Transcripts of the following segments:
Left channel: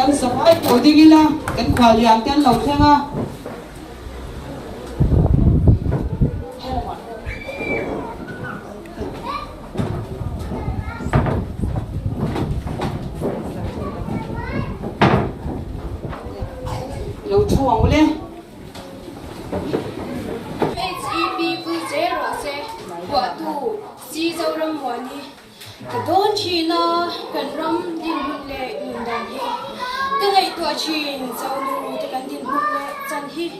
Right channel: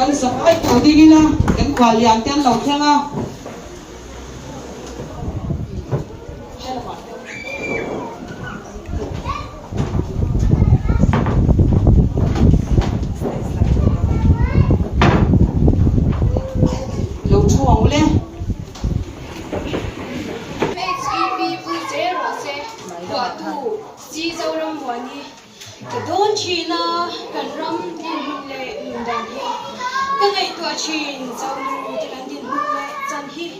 kan sabai tu digila kan khalian ten lo thenga lo chuang le cái đón chi na cần ram din lệ mình đàn hi cái ngày tua chuyện giàu nu thì cần din lệ chân hi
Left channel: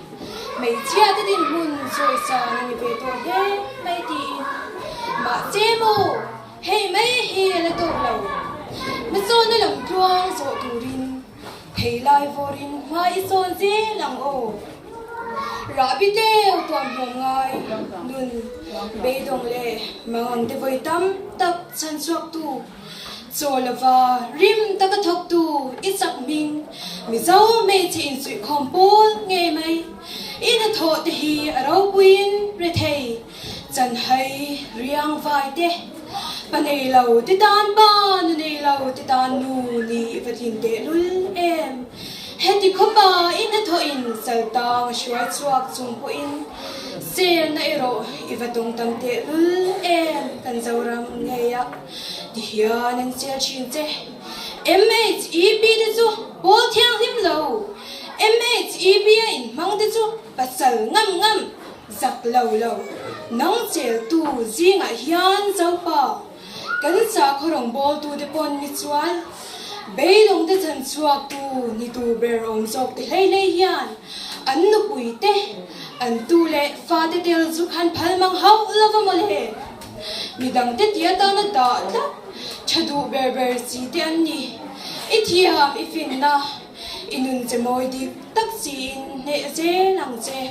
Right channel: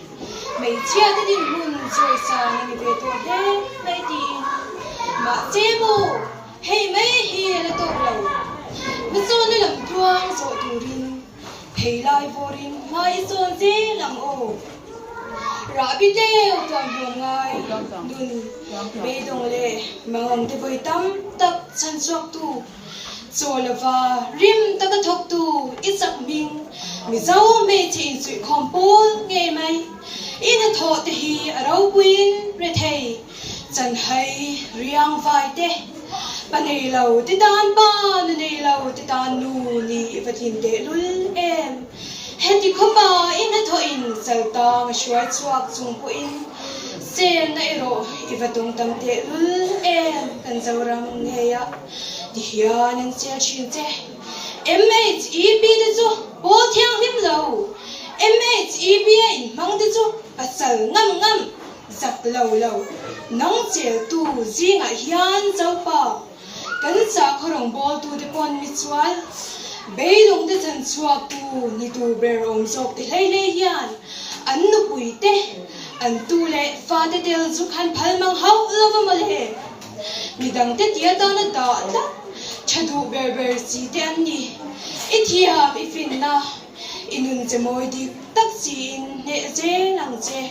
mấy chia thì din hun rồi sang người về tua thế đây thì mà chế mù hay mấy hi là tổ lầu mình son nó làm chuang rồi thủ rin thấy lại vô rin mai son gì làm ô rõ biết đeo toàn buồn ngài đừng bê đồng lệ mang te voi tâm tập san suộc tu cho là va rim ta cái thọc tu ít sắc mình mi dấu mê chỉ sự không bố nghe mày ít là thọ te hi ở đâu quên re thầy chân hay riang vai te ban này lâu te tan ba này lâu te tan nu ni vật hình te lul em hết thì không bao in hết thôi in sầu tang xuôi chuộc chung của in xem này rồi if tung tâm thế em cần giàu răng nghe ạ thì hiện nên sẽ chuyện thế MHEB đấy chú bố theo hiểm lâu MHEB in mang đấy chú bắt sầu ngâm ngâm giặc lâu lâu nóng chế tu gì ngại hiện giàu pa cần giặc horong bố tu để pon mitual bây đông để chân chuộc tu ni tu bèr ông dọc để lấy yan anh nu bụi te anh tu lệ pha te tel zu khan phal mang hau lova male ni dang te tia ta na da ta chadu ber si te an ni ithiam ifin na inun che moi di tak sin ne je lang je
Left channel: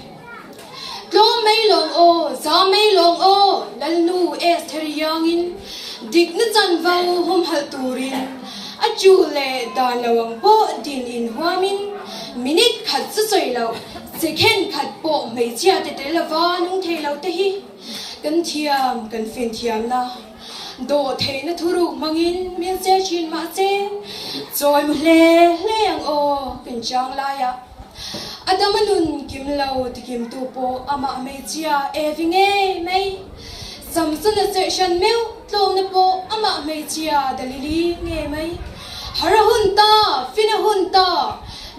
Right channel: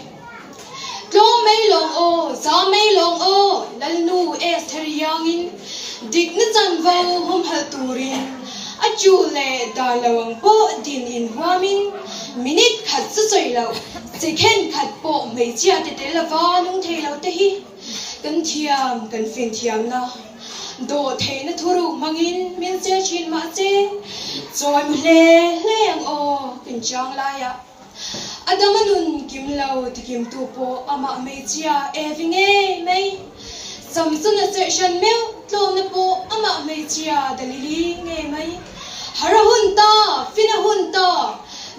lo mai long o za mai long o lal nu es theriang in dik na chan vau hom hal turin achu le da lawang po din in huamin minute khat su soi lo second khat po mei chia te la wa nung the lo te hi kan thiam kan fin thiam na do the na thuru mangin min che chin ma che choi mu le ang o kin chang la ya adamanun kim lo ti kim tu po ama mei chia evinge mei samsun na session meu tlom na po ama mei chia dalili nge mai hara hun ta fina hun ta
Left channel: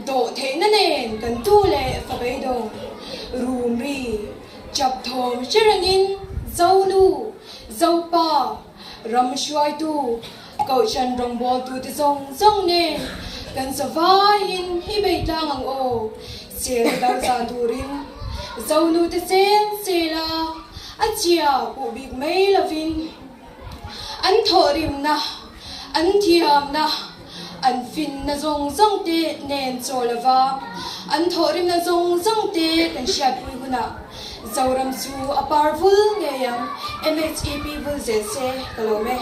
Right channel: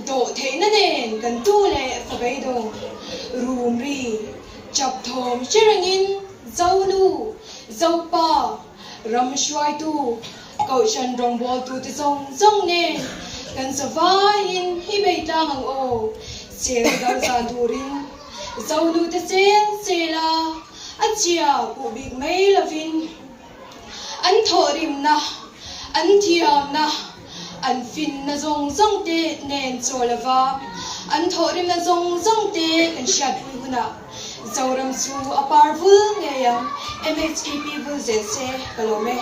do the na nen kan tu le fa bai do room ri chap thom chirangin zau nu zau pa ram shwai tu ko chan rong bol tu te zong zong ne kan sa vai in hi bei tang ang o se dal sa turin zau nu te se la achia pu big mai lovin an thorim na an thiam na an fin na zong zong te nen cholava an thorim na zong zong te kan shat huna zauram su aparvul ngeyang MHEB vul zese kalome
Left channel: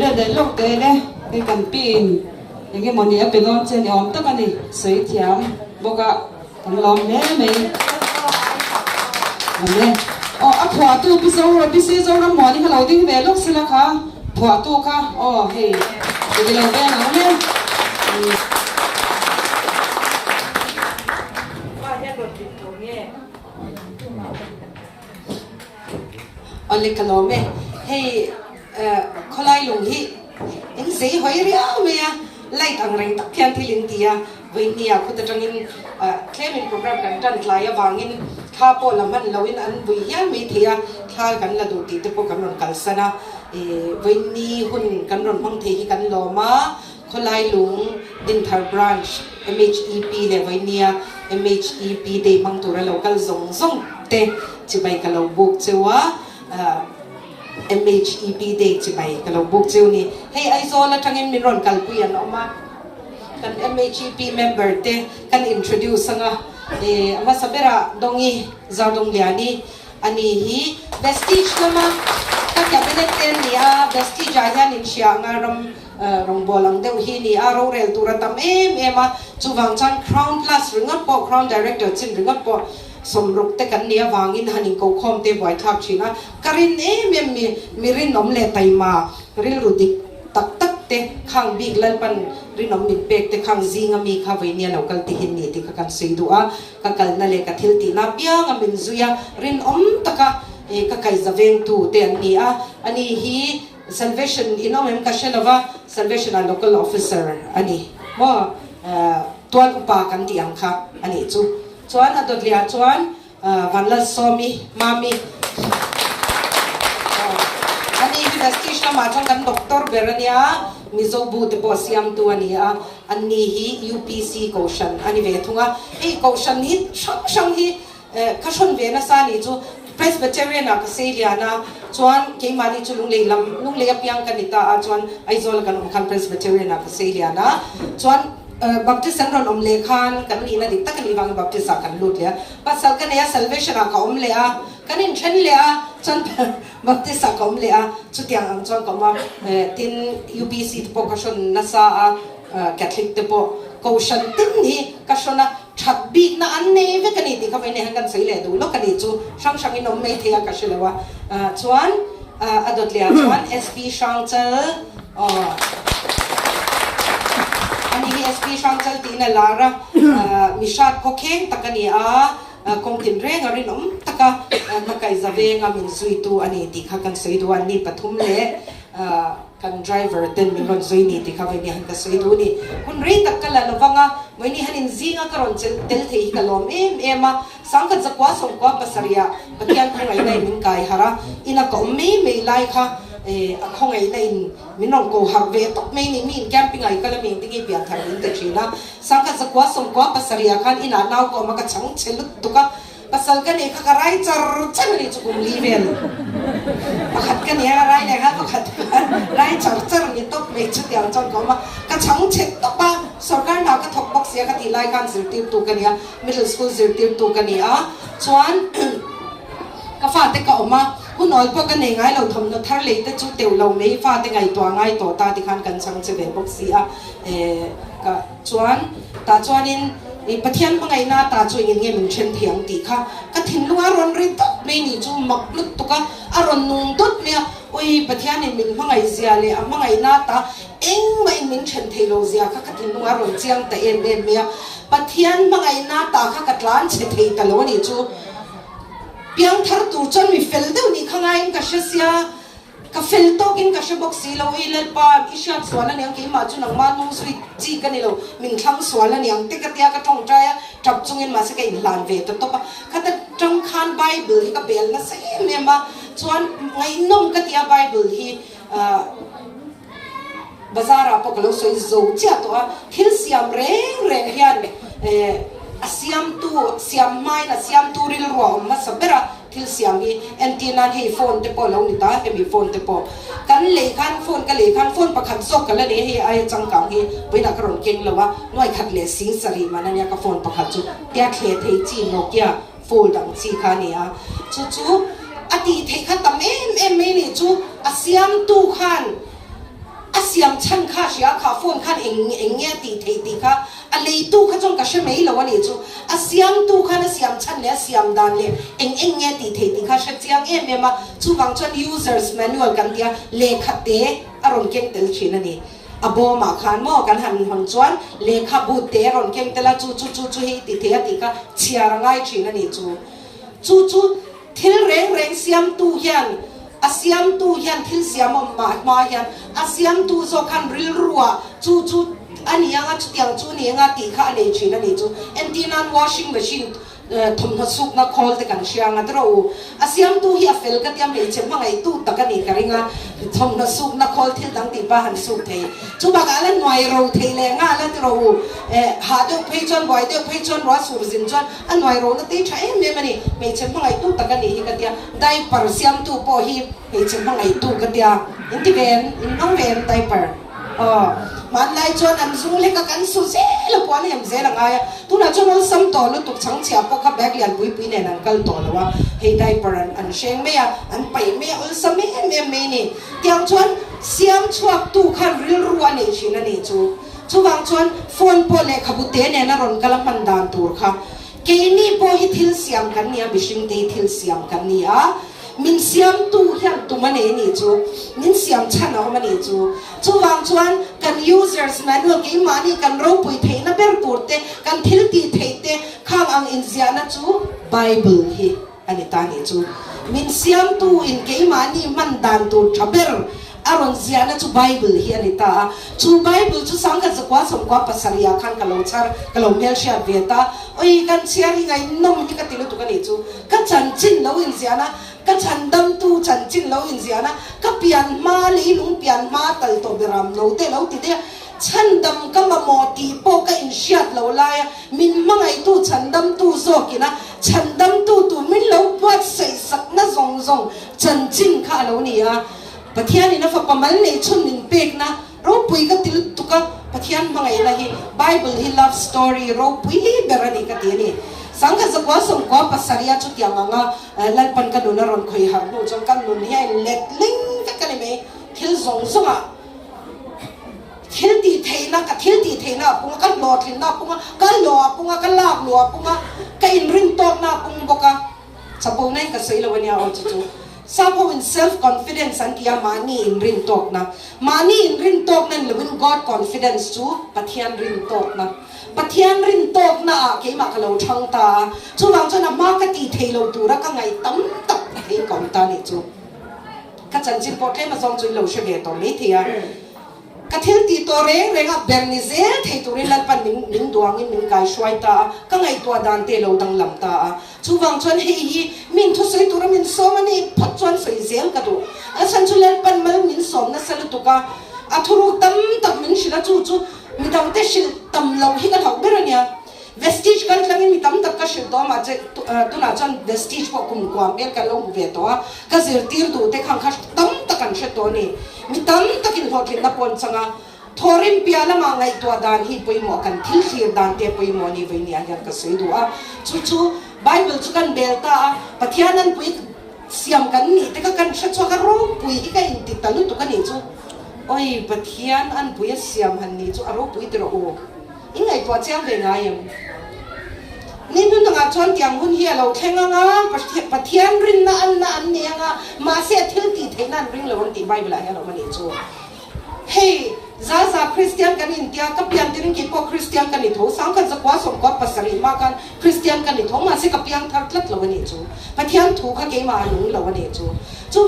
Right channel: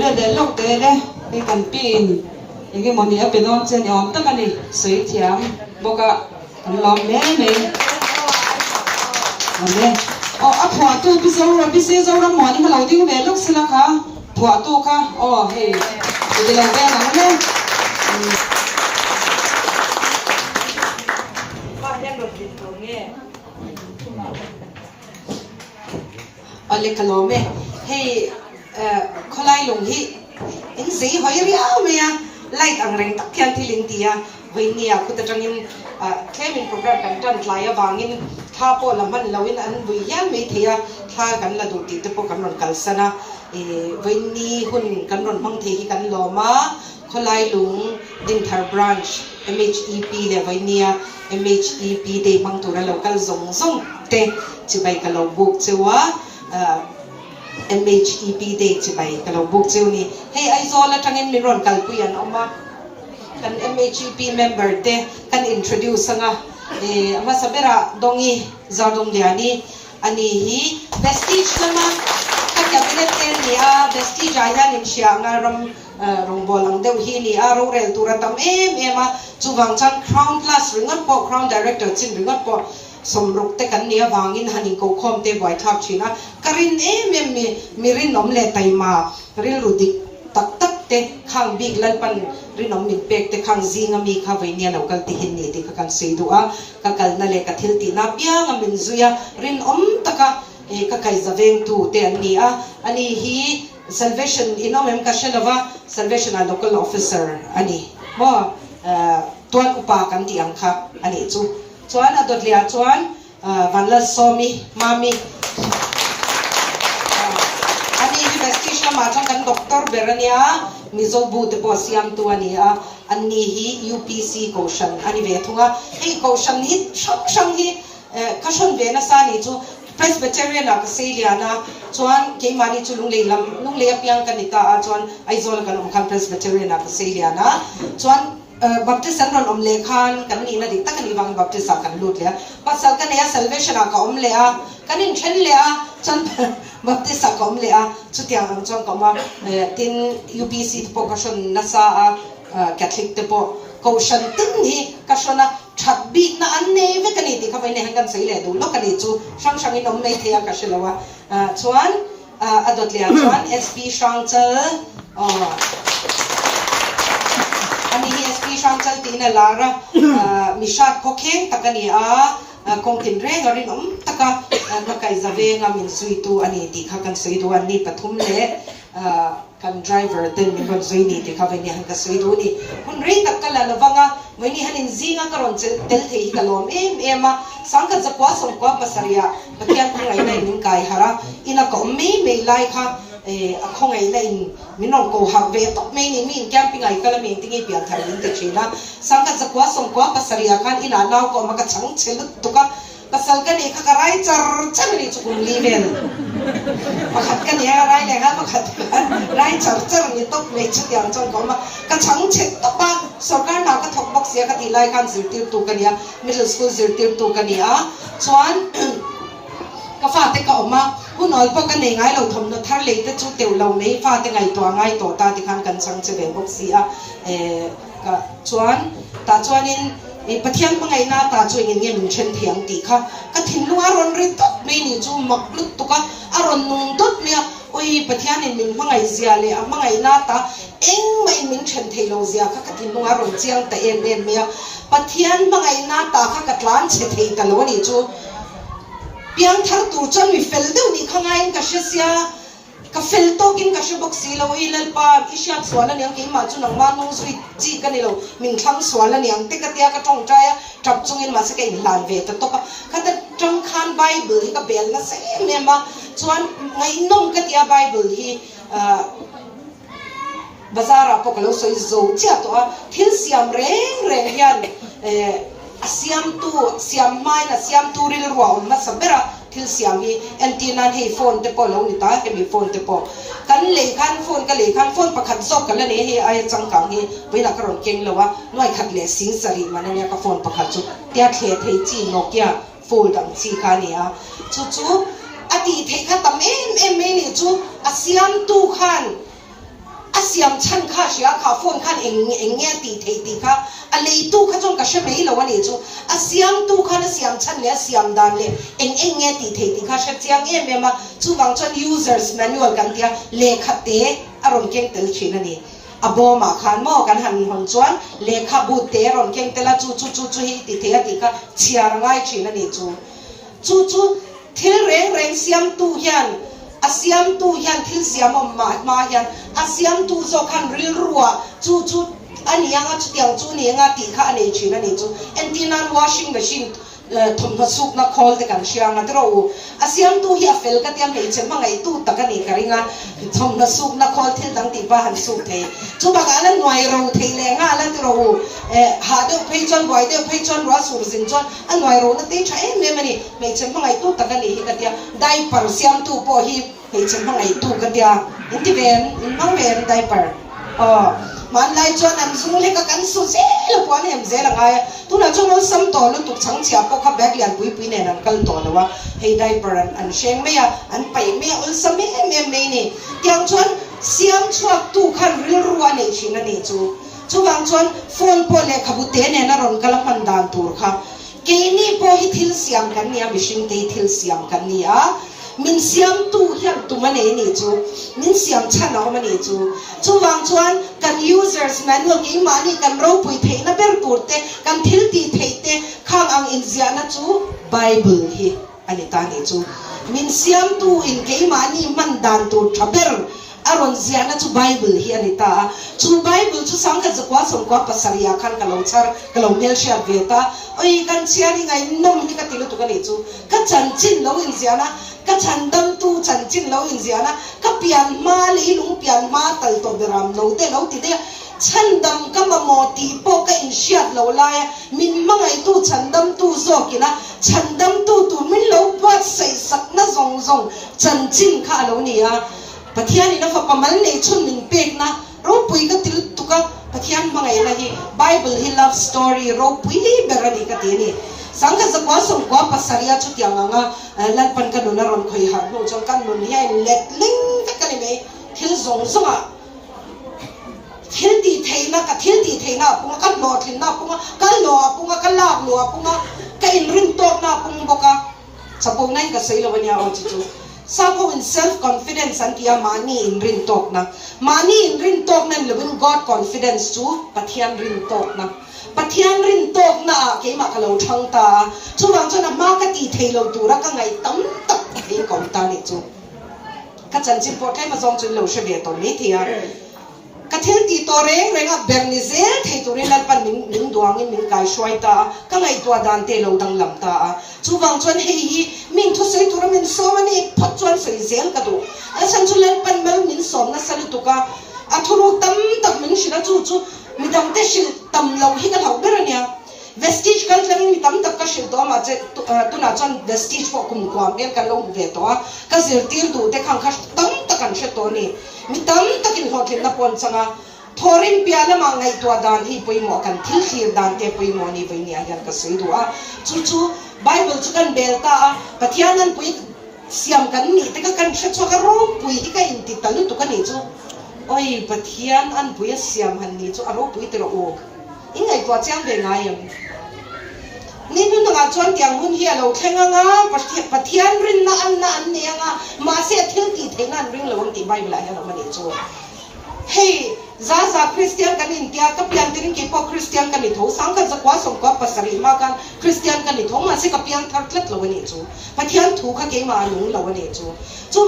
le de lok te le cái kan pin cái món này bên ông trên ông tất cả này sấy thiam boka kan lom me me ne o a phwa tu bi se zo ra moni ka lo ding ve lok sila kha phwa tu kha o he de lo ve na ne o le kalome he kholai long hi in sei hoi riau me ya lai tang reng tak thian thilin tia weinia khu ta tangin claiming program kan tan tlaya wangin tha po laman lawin an bui yan me thia tha kan la du ti te po kan ron kalsana weini hun kan ron hong the hi kan loma kholai lung ding thar branch MHEB le weinia MHEB de mang tura local zong zong te chibai ka lo buk chewa MHEB de chibai ka lo buk chew ni hey ai zo la tangin ni ron kal puyan oma kan MHEB member te kan introduce nga ama sabera dongi zadong liani ani hi vestige nama ka cabinet area vestige ayan in siya nga rong bolang deu hi ni aro rel turatam ema chuwang chan crown class ringot po crown director chin ringot po somruk te kan nia wangin haning ko khom te boy thap china karin em mi mirin nom le taima ริลรุดิกตักตักเตข้างบิ๊กลันปันรินอมมิเป็กเตข้างซีงามีข้าวิญญาณกัลติหินนี่ที่กันสีดัวกัลนั่นเลยกัทิลตีนับยังอามินซุยารินอมตะกะกักไอซาเวงตูเตอันนี้อันนี้ฮี salvation อินอมเอ็มกัชนาวะ salvation a local officer อันนี้บ่ตัวอุปการที่อังค่ะอันนี้จวนอดดเลียจวนวันละสอมีมามีอันนี้ที่ดัชที่ชมาจังกันด็อกเตอร์เบรเนียมิโซบูตบอสยามตัวนี้อันนี้ฮี UPC โคชันอันนี้เวทุงไอ้โคชันนี้ช่างฮีข้าชนเวนัสานี่จู Presbyterian นักเสียนะจวนเกี่ยมานี่จูลุงเลี้ยบยังกันนี่ตาจวนไอโซลกันกัน Presbyterian นักเสียนะจวนBaptist สันรอนเลขันกันนี่นะดิตักนี่วาง Baptist กันลุดเลยปัสสักกันเนี่ย salvation ก็เลยกันนี่เช่นเลยจน Baptist ก็เลยสุดอย่างจนก็มาทิน UPC ที่พวกก็ชนนัสCatholic ที่พวกก็ชนทินนี่ก็ชนนะชัดบีนะอันนี้วิกันนี่ที่เขาไปเนี่ยกันสิเลยดูลูกกันนี่จูช่างนี่น้องไม่เที่ยงก็ชนแล้วว่าชวนอดเลยชวน SP ช่างเจออันนี้ SP ช่างเจอตีนลาระมิชาโคเคนตะกันนี่คงกินเรื่องอะไรน้องตะกันนักไก่จะเวงมินสุยตัวอันนี้ที่เขากันสุยตัวอันนี้ปฐุมเลยกัน driver เดินมีคนสุยนี่ที่เขาไปเนี่ยกันสุยตัวนี่คนเรียกตะกันละระวังวันนี้ฮันอินซิงก็รอนเตลเทียกันลมมาสังกัดจะกว่าส่งกว่าภาษาเรียปฏิญาณอะไรในมินกายฮาระอินักก็ไม่ไล่ค่ะคงไงในมินองกูหักเวทไม่นี่มินแกมปิ้งไงก็แล้วมินติ้งเปลี่ยนแถวนี้แต่ชีนะสังกัดจะกว่าส่งกว่าภาษาเรียกันอินาเราก็มันก็ช่างเชื่อตุกะภาษากันนี่ก็ไรจัดนี่จุกลีเวลมาขัดกันเนี่ยอะไรเนี่ยครับมาขัดกันไรจัดนี่ต้องเวชเดียวจังก็มาก็ช่างเช็ดตุกะสกัดเราก็ถกบอกเสียกันที่รายการสื่อติวตุกันเนี่ย middle school สื่อติวตุกันเนี่ยชวนก็ฟาดแต่ก็ออกมาผู้น้อยพวกกันง่ายเราทำนักทะเลแต่จุดเดียวเราไม่ฟาดแต่ไงตัวง่ายตัวตาที่ขันกันช่างจะเป็นบอกเสียก็ชวนตาชวนนี่ประเทศเมื่อไงหน้าตาช่วยเงี้ยมันเช่นเถียงตีค่ะก็ทิ้งลูกอารมณ์ริตไม่นี่จู่หมกลุกตุกอารมณ์นุ่งตุดเนี่ยโอ้ยประเทศนี่มันเมื่อไงเสียเลยเมื่อไงหน้าตาเอ็งไม่มันเช่นเทโลเสียค่ะก็ทิ้งลูกอารมณ์เจียงแต่เอ็นเนี่ยประเทศเมื่อไงหน้าตาค่ะก็ล้านเช่นเทตลอดนี่จู่เพียงทัดตัวจนมีเฟลเดนี่ข้างในก็เสียก็เฟลโตกินก็เชื่อบอกสิเราอีเล่นป้าอิชาสวนแล้วเนี่ยกินมาจุนังมานูสวิจีกันนี่เรามิงทั้งสวนแล้วเนี่ยติกเตียก็ต้องใจจับจุงเงินมาสักอย่างหลานเวทตัวก็ก็แต่จังคันไบเบิลก็เบลนะเสียเนี่ยมาชวนไงนุ่งก็เตียไบเบิลที่บาซาร์พวกเราสวยโซ่เจ้าตัวทิ้งเสียมเร่งยันเสียมตัวเสียมไม้นะเสียมตัวริลรัวมาสับเบระทิลเสียงฮีเอ็นตีนันฮีโฟนเตปอลเราหนิตาเอ็มฮีโฟนเตปอกันเล่ขันโฟนกันเล่ขันโฟนประคันซอกกันแล้วเนี่ยฮีไอจังกังฮีไปนักร้องเก่งแล้วว่าน้อยขัดเล่สิงสรีมันเนี่ยก็โฟนประคันจุดเตียเทเทจีนกเกียโฟนดังซีคาเนี่ยจู่อดีตเทขัดตั้มเอ็มนี่จู่อาเซียมตูขันอาเซียมชันข้าเสียข้าโฟนขันเอ็งเงี้ยตีเทตีข้าอะไรตู้ข้าจงกระเชไม่ละวันนี้จู่อาเซียมตู้ข้าเนี่ยเซียมชันเนี่ยเซียมดานเลยเอ็งเงี้ยตีเทตีข้าเสียเจียงเนี่ยมาจู่บางจน users manual กันเดียเลขาเตะอารมณ์เก่งเตลชินันนี่อบอมาขันหม้อกันหันจวนเลขาบูเตะอารมณ์เก่งเตละจู่ให้ตีเทตีข้าเชียร์ง่ายชินันนี่จู่ทิลเร่งเซียมตู้ยันอาเซียมตู้ยันทิลเซียมมายันอาเซียมตู้โซคันริลรัวจู่อันนี้ยังจุดยังจู่นี้ยังตีข้าเนี่ยชินันนี่จู่เอ็นตีนัน washing machine ทำนักสุกนักคอลแต่กันเชียงกันเราอาเซียมตู้เฮียเฟลก็เตรียมให้เช่นว่าไงตู้ตะกันนี่กันงาทำนักสุกนักคอลที่ตั้งตีบ้านสุกเทจู่บางอันหน่วยเราเทแรงงานแล้วเราหาเดือดเพย์จนไหวเดือดเพย์จนว่าสูบสินจนอันหน่วยเรานั่นตีใช้เนี่ยมันนี่ไม่เช่นว่าไงตู้ตะกันนี่กันเดียได้ปาร์เซียมตู้พอฮีไม่เช่นว่าไงตู้กันเดียอินทิเวนอินน้องเวนได้ปาร์มันไล่จนอันสุ่งเล็กกันสุดเสียลูกวันเห็นเสียละไงทุนจนเราซ้ำต่อแล้วตุกช่างเชียบก็ขับแบกเลียนปุยเนี่ยนั่นกันต่อแล้วว่าให้ได้ปรันอันเชงไม่อะอันไปไม่อุลสไม่นี่เตียงชนเสียมชวกตู้ขันริลรัวเนี่ยชินันนี่จู่บางชนโฟนพอเล็กขบุเตเนี่ยนั่นรอนกำลังมันดานตัวค่ะเกนี่พอฮิทิลเสียมกันเนี่ยบิชิงเตทิลเสียมกันเนี่ยมินเสียมตู้ยันตุง mani ni chu min siam chan na mani chu wang chuan kan users manual ke mani kan ro pui thei na ber kurte kan thil ti thei te khang ang in zia na chu Bible hi ani ta ni chu min siam tu in ke mani man dan tu thaber aron zia na chu Bible hi ani ta chu Bible chu sang ka zakwa som kwa pasaria khan ka lo char ka lo mel sha veta oi kan chiari ngai nom hi ka tilu tu ka ni chu ka chan chin lo in zia na ka chan dam tu chan chin lo in zia na ka pian ma li lung pian ma tal to beram lo te lo ti de chan dam ka ma mo ti po ka in shiat lo la ya min mangai tu chan dam tu zo kina chan dam tu min lo puat sei sak na zong zong chan chin kha lo ni ya pathian ina fa pamal nei chun min pek na ro pui ka til tu ka pathian mangai la hi Bible hi love story ro pui berani ka ti ni sangka zakwa som kwa pasaria chu tiang anga lan pan ka nuna ron khoi har ho chong kan nun hi let ling ka kali me thil zong zonga thil ti theina ka thil ti theina punga kan lo thin na punga kan lo punga kan lak lo punga ka in ring tok na pung boka chapo nai ka sei lo wania on chu Sapo in self-confidence and kia money in ring talk na. Money in ring talk na living God confidence too. Pathian ring talk na. Pathian ring talk na ke makalo chang ta. Chu wang chu na makati thelo tu ra ka ngai tam tak hi kom ta ni chu. Ka chan chin po thai ma zong chu lo she ve to ni thia. Ka thil ti to reng reng a bernizel thei tu rin pan ning duang min kai shwai ta ka ngai tua dan te lo dang lam ta chu wang chuan hei hi min thu sei tu ra min so mani phat chuan sei zel ka du a chan chu len pan mal min som na sal tu ka a thuru tam tam min shila chu mi dang te shil tam lo hi ka thau ber ania vestige kan tlang mi tam tak ka shil do ma che tu na chuan vestige po kum ko am kan lo ve to ka zir tir du te khang kha tam tak kan she to ni mi tam takin hotlin na pon changa thorim piala ma ngai tua dan hi poi mo kan thil thir dan te poi mo ni ve ni a yan ka sei du a chu Bible chu kan belta pathianan pui siam kan ni te ka kan she cho ka ro pui hi ka in ti talu tu ka ni chu oi pathian an pui siam han ni chu aro pui te ro o ingai tua chang ve ngai em ni nu na chuan tiang hun hi alo thenga nga pathian rin na an ne nga ma se thil ti theina ring lo ti Bible a ya lo mani chu hey za Christian kan in tia ka pian tin ki po Christian kan ni tho sang kan zakwa som ko pasari ma kan Christian kan ni tho ma se ka pian thar tlat lo mani chu pathian thu kha ke ma lung lo mani chu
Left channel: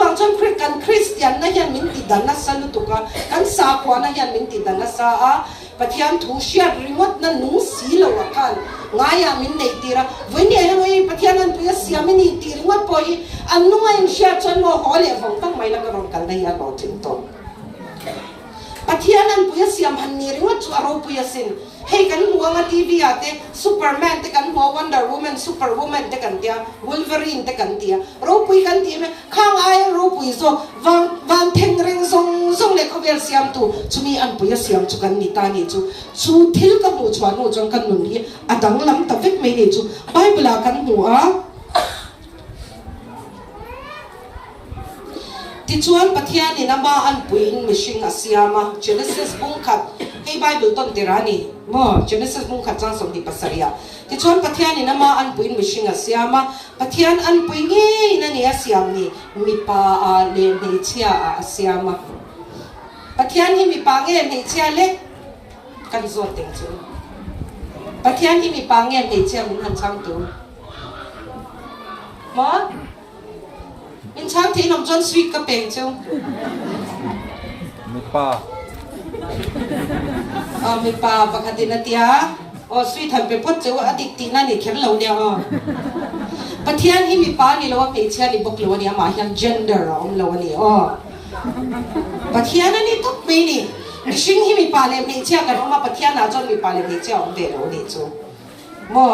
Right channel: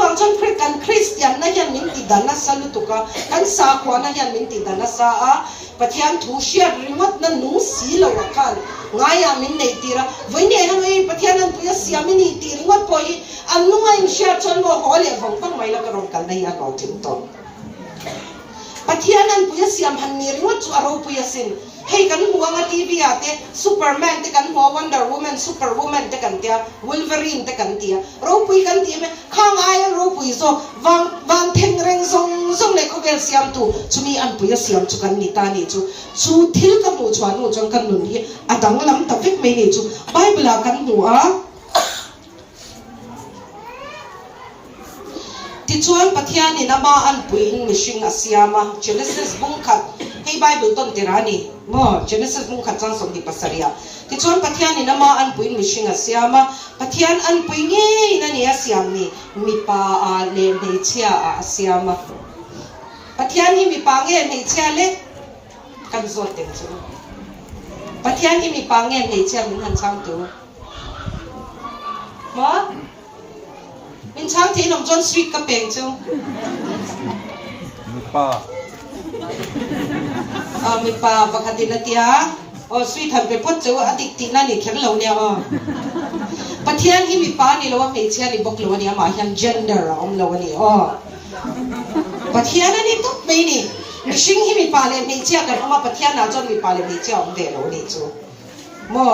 wang chun kan Christian na hian min ti dana salu tu ka kan sa kwa na hian min ti dana sa a pathian thu shia remote na nu si lo la kan ngaya min nei tira voini han ei pathian an pia siam ni tir ngot poi an nu ai shia chon mo hole vong tong mai la ka ron kan nei ya lo tin to pathian an pia siam han ni ringot chu aro pia sin hei kan muanga TV ate Superman te kan mo Wonder Woman Superwoman te kan tia Wolverine te kan tia ro pui kan ti me khang ai ro pui so wang theng reng zong le ko gel siam tu chumi an pui siam chu kan ni ta ni chu thil ka mu chwa no jong kan nun hi adang lam ta vek me ni chu Bible a kan mu a ti chuan pathian ni nama an puin mishing asiama Genesis bung khat hei Bible ton tirani mo Genesis bung khat chang som di pasaria ti chuan pathian ni nama an puin mishing asiama pathian an puingi na ni asiam ni mi pa a le me chia a asiama pathian hi mi pa nge me chia le kan zo teng chu pathian hi mi pa nge me chia min han chang tu mo in chang thi nom chon sweet ka peng chu mi pa pakhatin na tia o sweet han pe pot chu adik ti na ni khen lo nia o pathian hi mi pa ni lo me chia ni bok lo nia ma hian gender om lo ni o pathian ani tuk me ni mishing hi mi pa le me chia kan oma pathian na chon mi pa le me chia om ve lo ni chu mo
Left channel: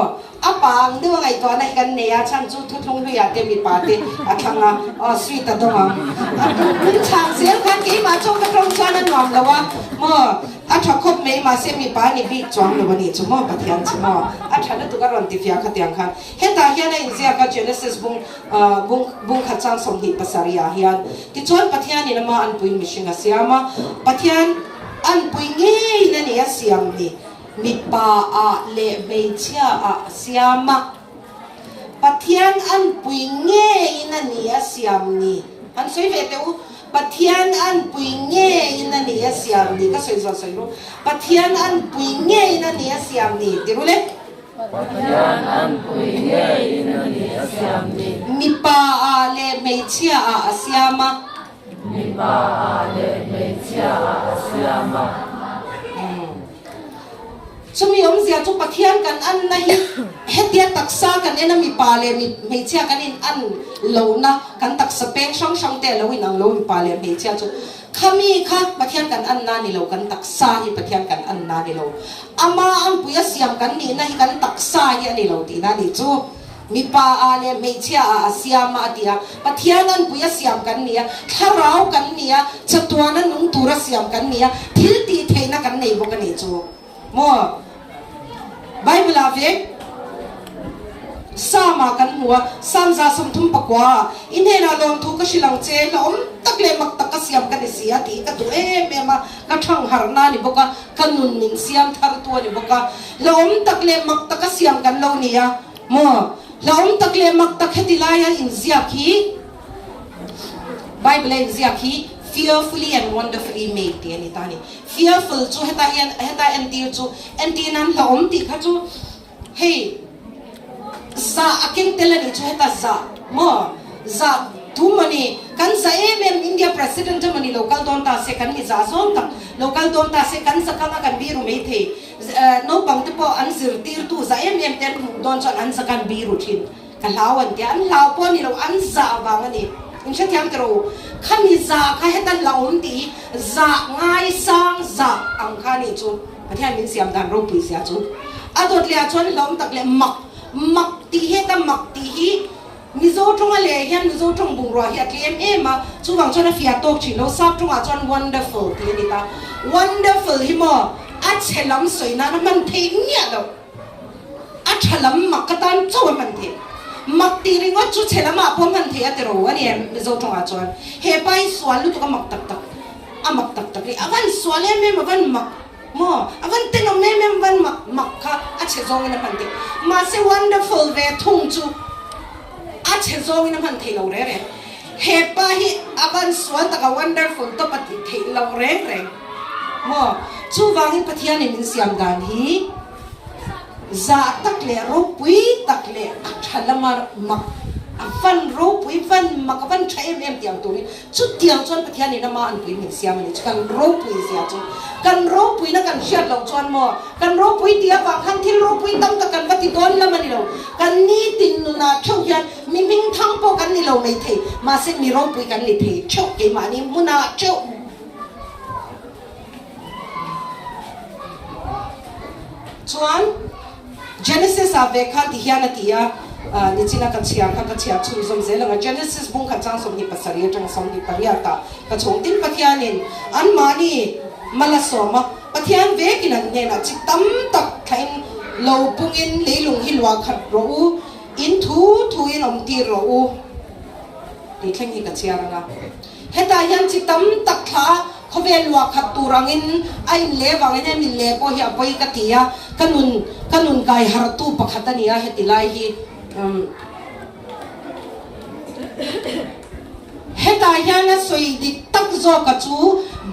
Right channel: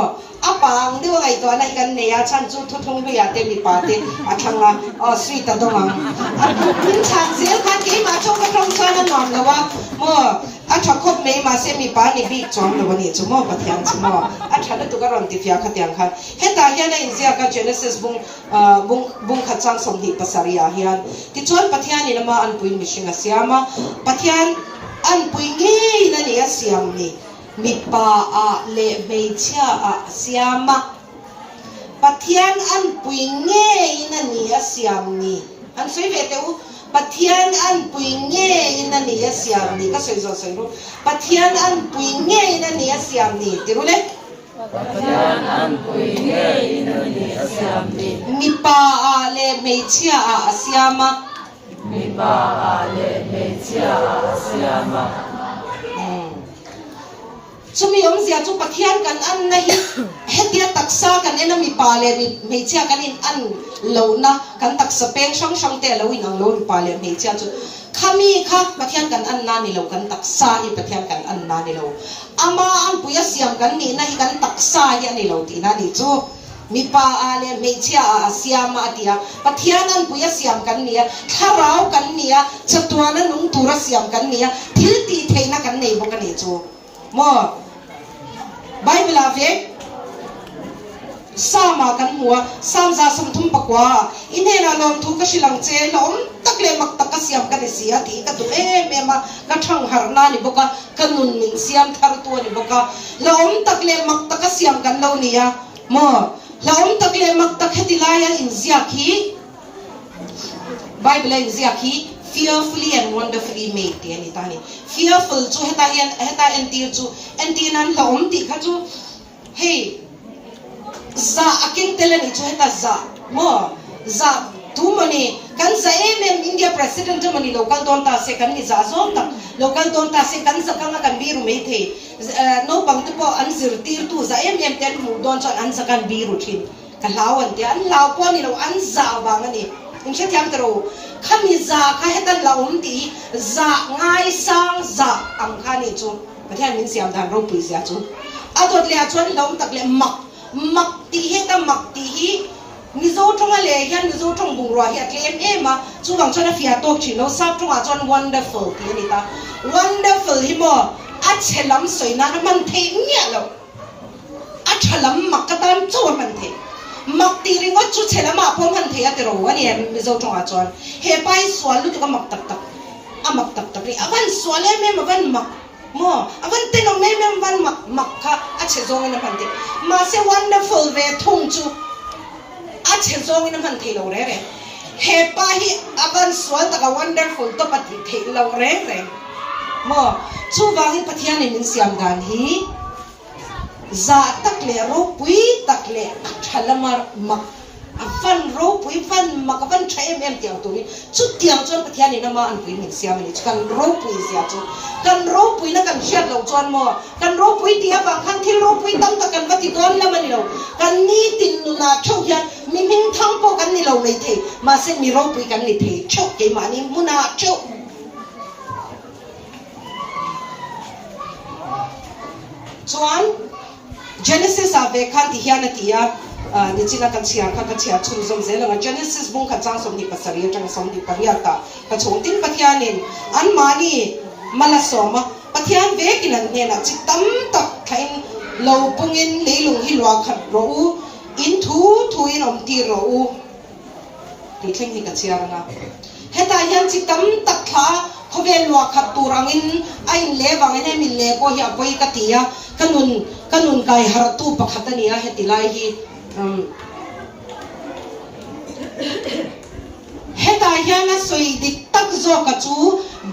apang de ngai to na kan ne ya chan chu thu thung lu ya te mi pa te athanga sweet ta donga chan zel kan ki ma chu ka thong chan na nom la wa mo athakop me ma se mi pa ni bi chong lo ni chu mo pathian chu mo athana tu ka ron ti fia kha tiang khan he ta hian in zia ka Genesis bung kha chang som hi pasaria hian ti chon pathian ni ma an pui mi shinga siama pathian an pui nge na ni asiam ni mi pa a le me chia a siama pathian an pui nge na ni asiam ni han soi ve teu pathian an pui nge in ani asiam ni ka soi zo soi ro pathian an pui nge in ani asiam ni tirule pathian an pui nge in ani asiam ni mi pa a le me chia a asiama mi pa a le me chia a asiama chumi om zia chu pathian kan an na hi hetia taksa kan ena mi pa le mi me chia kan in an lo na kan taksa peng shong shong te lo in ang lo mi pa le me chia chu khami kha pathian kan an na ni lo kan taksa hi pathian kan an na ni lo ama ang puya siam kan ni na hi kan taksa hi ani lo ti na ni chu mi pa a le me chia a siama atia pathian an puya siam kan ni a tharau kan ni a chatwana nung tura siam kan ni a thil ti theina kan nei bo kan ni chu mo Bible ave sama kan mua samza samthum pakwa inhena lom thu ka silang che lom takle mak tak ka siam ka sia ti ka tu ma ka thang harna ni boka kanun ning siam thar tu ni boka lom takle mak tak ka siam kan lo ni ya mo lom takle mak tak hetilaya in ziaki Bible in ziaki fearfully and wonderfully made ti ani tani fearful chu heta entir chu entinan lom ti kha chu hey za aking telani chu heta za mo za tu mani kan za India president mani local don ta se kan ni za zong ta local don ta se kan za kanga kan biru me the no bang tu po an zir tir tu za ten mu don chan an za kan biru thin kan lawan ti an law po ni lo an za bang ani in che thiam tro khami za kha hetan laum ti za ngai sang za ang kha ni chu pathian min siam dan ro pi sia chu adot le chon laum tak le mak ti heta mak ti hi mizo tong le hian mizo tong bung ro hi atlen ema chu wang chon a fia tok chi lo sa tong a chon wonderful ti ni ta wonderful hi mo a chelam soi na man the nya lo a chelam mak ka tan chu man the mak ti ring chu chelama phom han the ate ro ani mizo tong a chon he pai swal lu to ka mak tak tak a mak tak tak ri avan swale me mavan mak mo avan te no me van mak kha a che zong na man te ma se wonderful ve thong chu a che zong na man the lo re he pa hi avan swal ta ka wonderful to pat the lo re mo chu wa hi pathian in siam dan hi za tak le ro pui tak le thalamar mak avan ro pui van mak avan thai em tiang tu ni chu tiang chon pathian ni na ma an pui ni siam ni kan ro pui sia chu kan ro pui na kan shat lo chon mo kan ro pui dia ba khan thil ro pui tam ta kan vati gon la mani lo kan ni tin nu na thau hian mi ming thang po kan ni lo nei the ma se mi ro pui kan ni the chok ke ma ni muna chok chuan Genesis ave khan ti hian atia ni china kan chia chu zom zela nga Genesis bung kha chang som ni pasari tang som ni pariata ka chong tin pathianin an mani mala soma pathian ve kinan ne na chi tam tak thain lo pungin leilung hi lwa khat ro in thu in om ti ro ti thleng hi ka chia nga heta hian chi tam tak kha khovel lwa khat turangin ain le wangin min le ko hi apoi ka tia kanun kai haratu pakhatania hetilai hi heta yana soi dik tak zo ka chu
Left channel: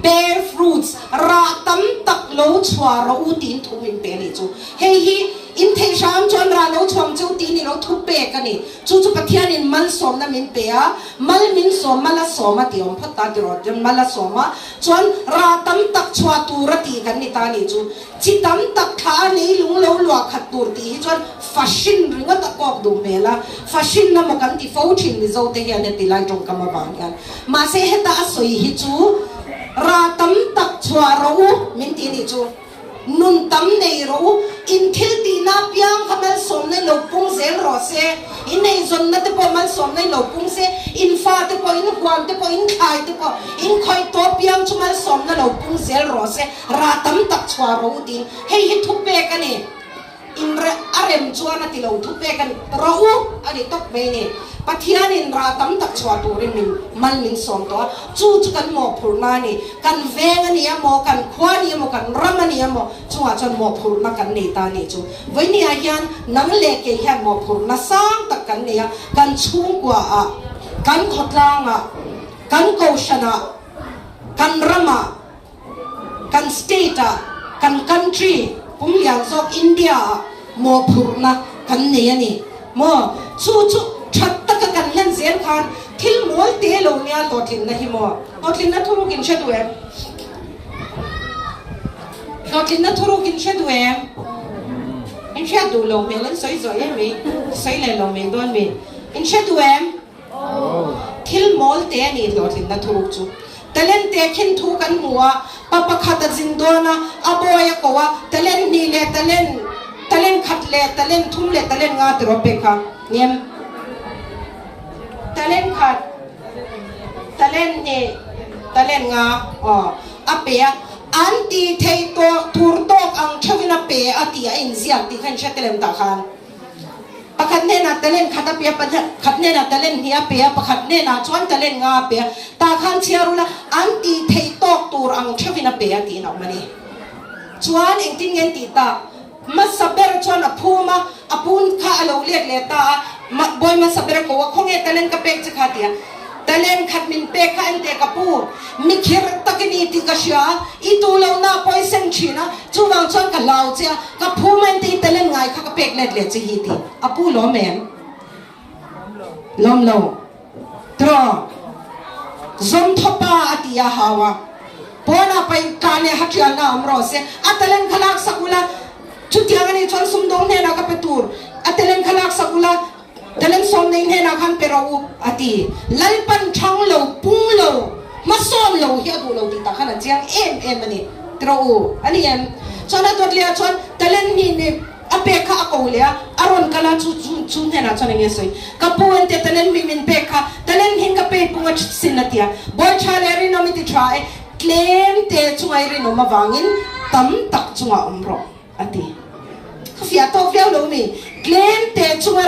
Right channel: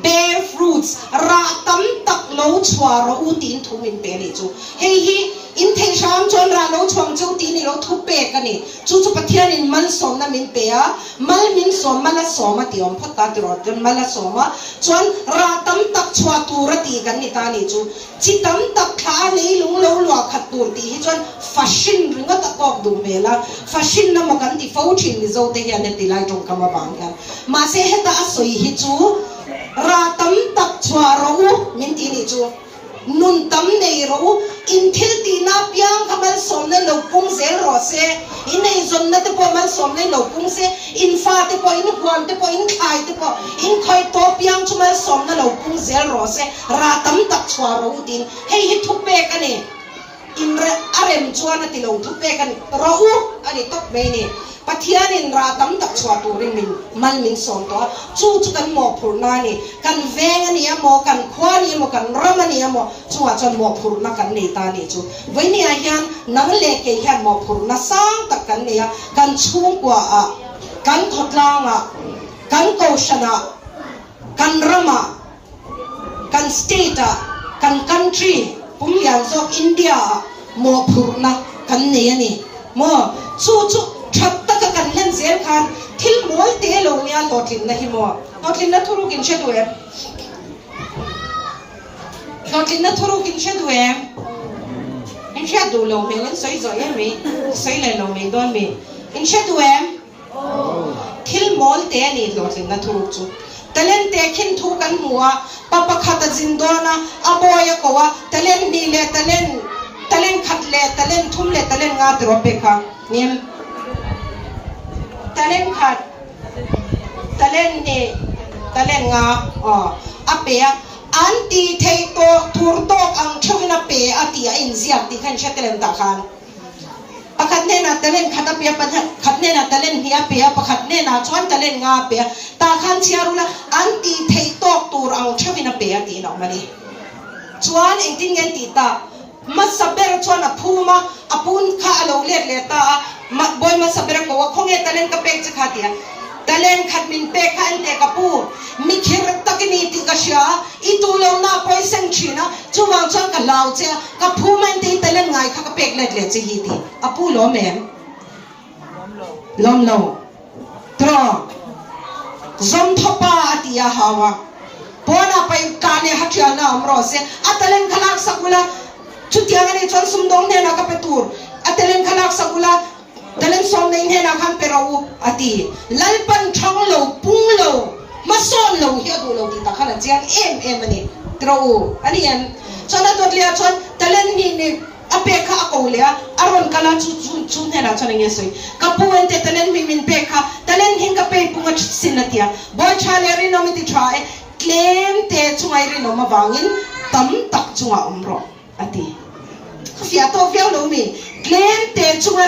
bear fruits ra tam tak lo chwa ro u tin thuin pe ni chu hei hi in thei sham chon ra lo chong chu ti ni lo thu pe ka ni chu pathian in man som na min pe a mal min som mala soma ti om phata ti ro jon mala soma chon ra tam tak chwa tu ra ti kan ni ta ni chu chi tam tak tha ni lung lo lo khat tur ti hi chon fashion ringa ta kok du mela fashion na ma kan ti fo thin ni zo te hian ti lai tong ka ma bang kan ma se heta soi hi chu ra tam tak chwa ro min ti ni chu nun tam nei ro in thil ti na piang khamal som ne lo pung zel ro se in nei zon na te po man som ne lo pung se in fa te po in kwan te po in khai te po in khoi to piang chu mal som ne lo pung zel ro se ra tam tak chwa ro tin hei hi thu pe ka ni in re arem chuan ati lo thu pe kan ro ani tok me ni pathian in ra tam tak chwa tu rin min mal min som to chu kan mo phur na ni kan veng ani mo kan khwa ni mo kan ram ani mo chuwa chon mo phur na kan nei ta ni chu voi ni a hian nang le ke hian mo phur na sang tak kan nei kan chung kwa a kan thotlang a kan koshana kan rama kan state kan country pumlian zok India mo phurna kan ne ani mo chu thatta ka kan len zel khan thil mol te lo nia lotlin na hi mo lotlin na thuru kin shedu lotlin na thuru kin shedu in shedu lo me len soi zo me soi le lo me don me in shedu thil mol te ani lotlin na thuru chu talen te khin thu kan muwa papa khata jindona aboya kowa talen ni le talen khat le talen thum le talen nga tro pekha niam talen khat talen ni talen nga apea anti thei to tur tok ang thovina pe atia in ziak ti khan shakelem ta khan pakhat ne na talen khata pe pakhat ne na talen hi apea pakhat ne na chuan talen nga pe ta khan chiarula anti thei tok tur ang thovina pe ati no mani chuan engtin ngen ti ta masaber chuan aphuma apun kha alo let le ta boy masaber ko khonge talen ka pek chakhatia talen khat min pe kha ante kapu mikhir takini ti kasha itulo na poiseng china chuwang chang ka law che ka phuman ti talen ngai kha ka pek let le chi hi ti apu lo mem lom lo tro zom thopa atia hawa bona pai kane hatia na amro se atalen khalak sakula chutiangani chon sumdong ne na ka petur atalen khalak sakula talen som nei ne na kham perau ati lalpan thang lo pung lo masom lo hi adu lo ti ta khana chiang em ani tro ani em chona tot lia chon talen ni ne apekha ko le aron kala chu ne na chona nge soi kapuan te talen mi min pekha talen hin ka pe punga sinatia boy chale ri no mi ti try claim te chungai ri no ma wangin tam tak chunga umro ati fia to fia lo mi claim te chunga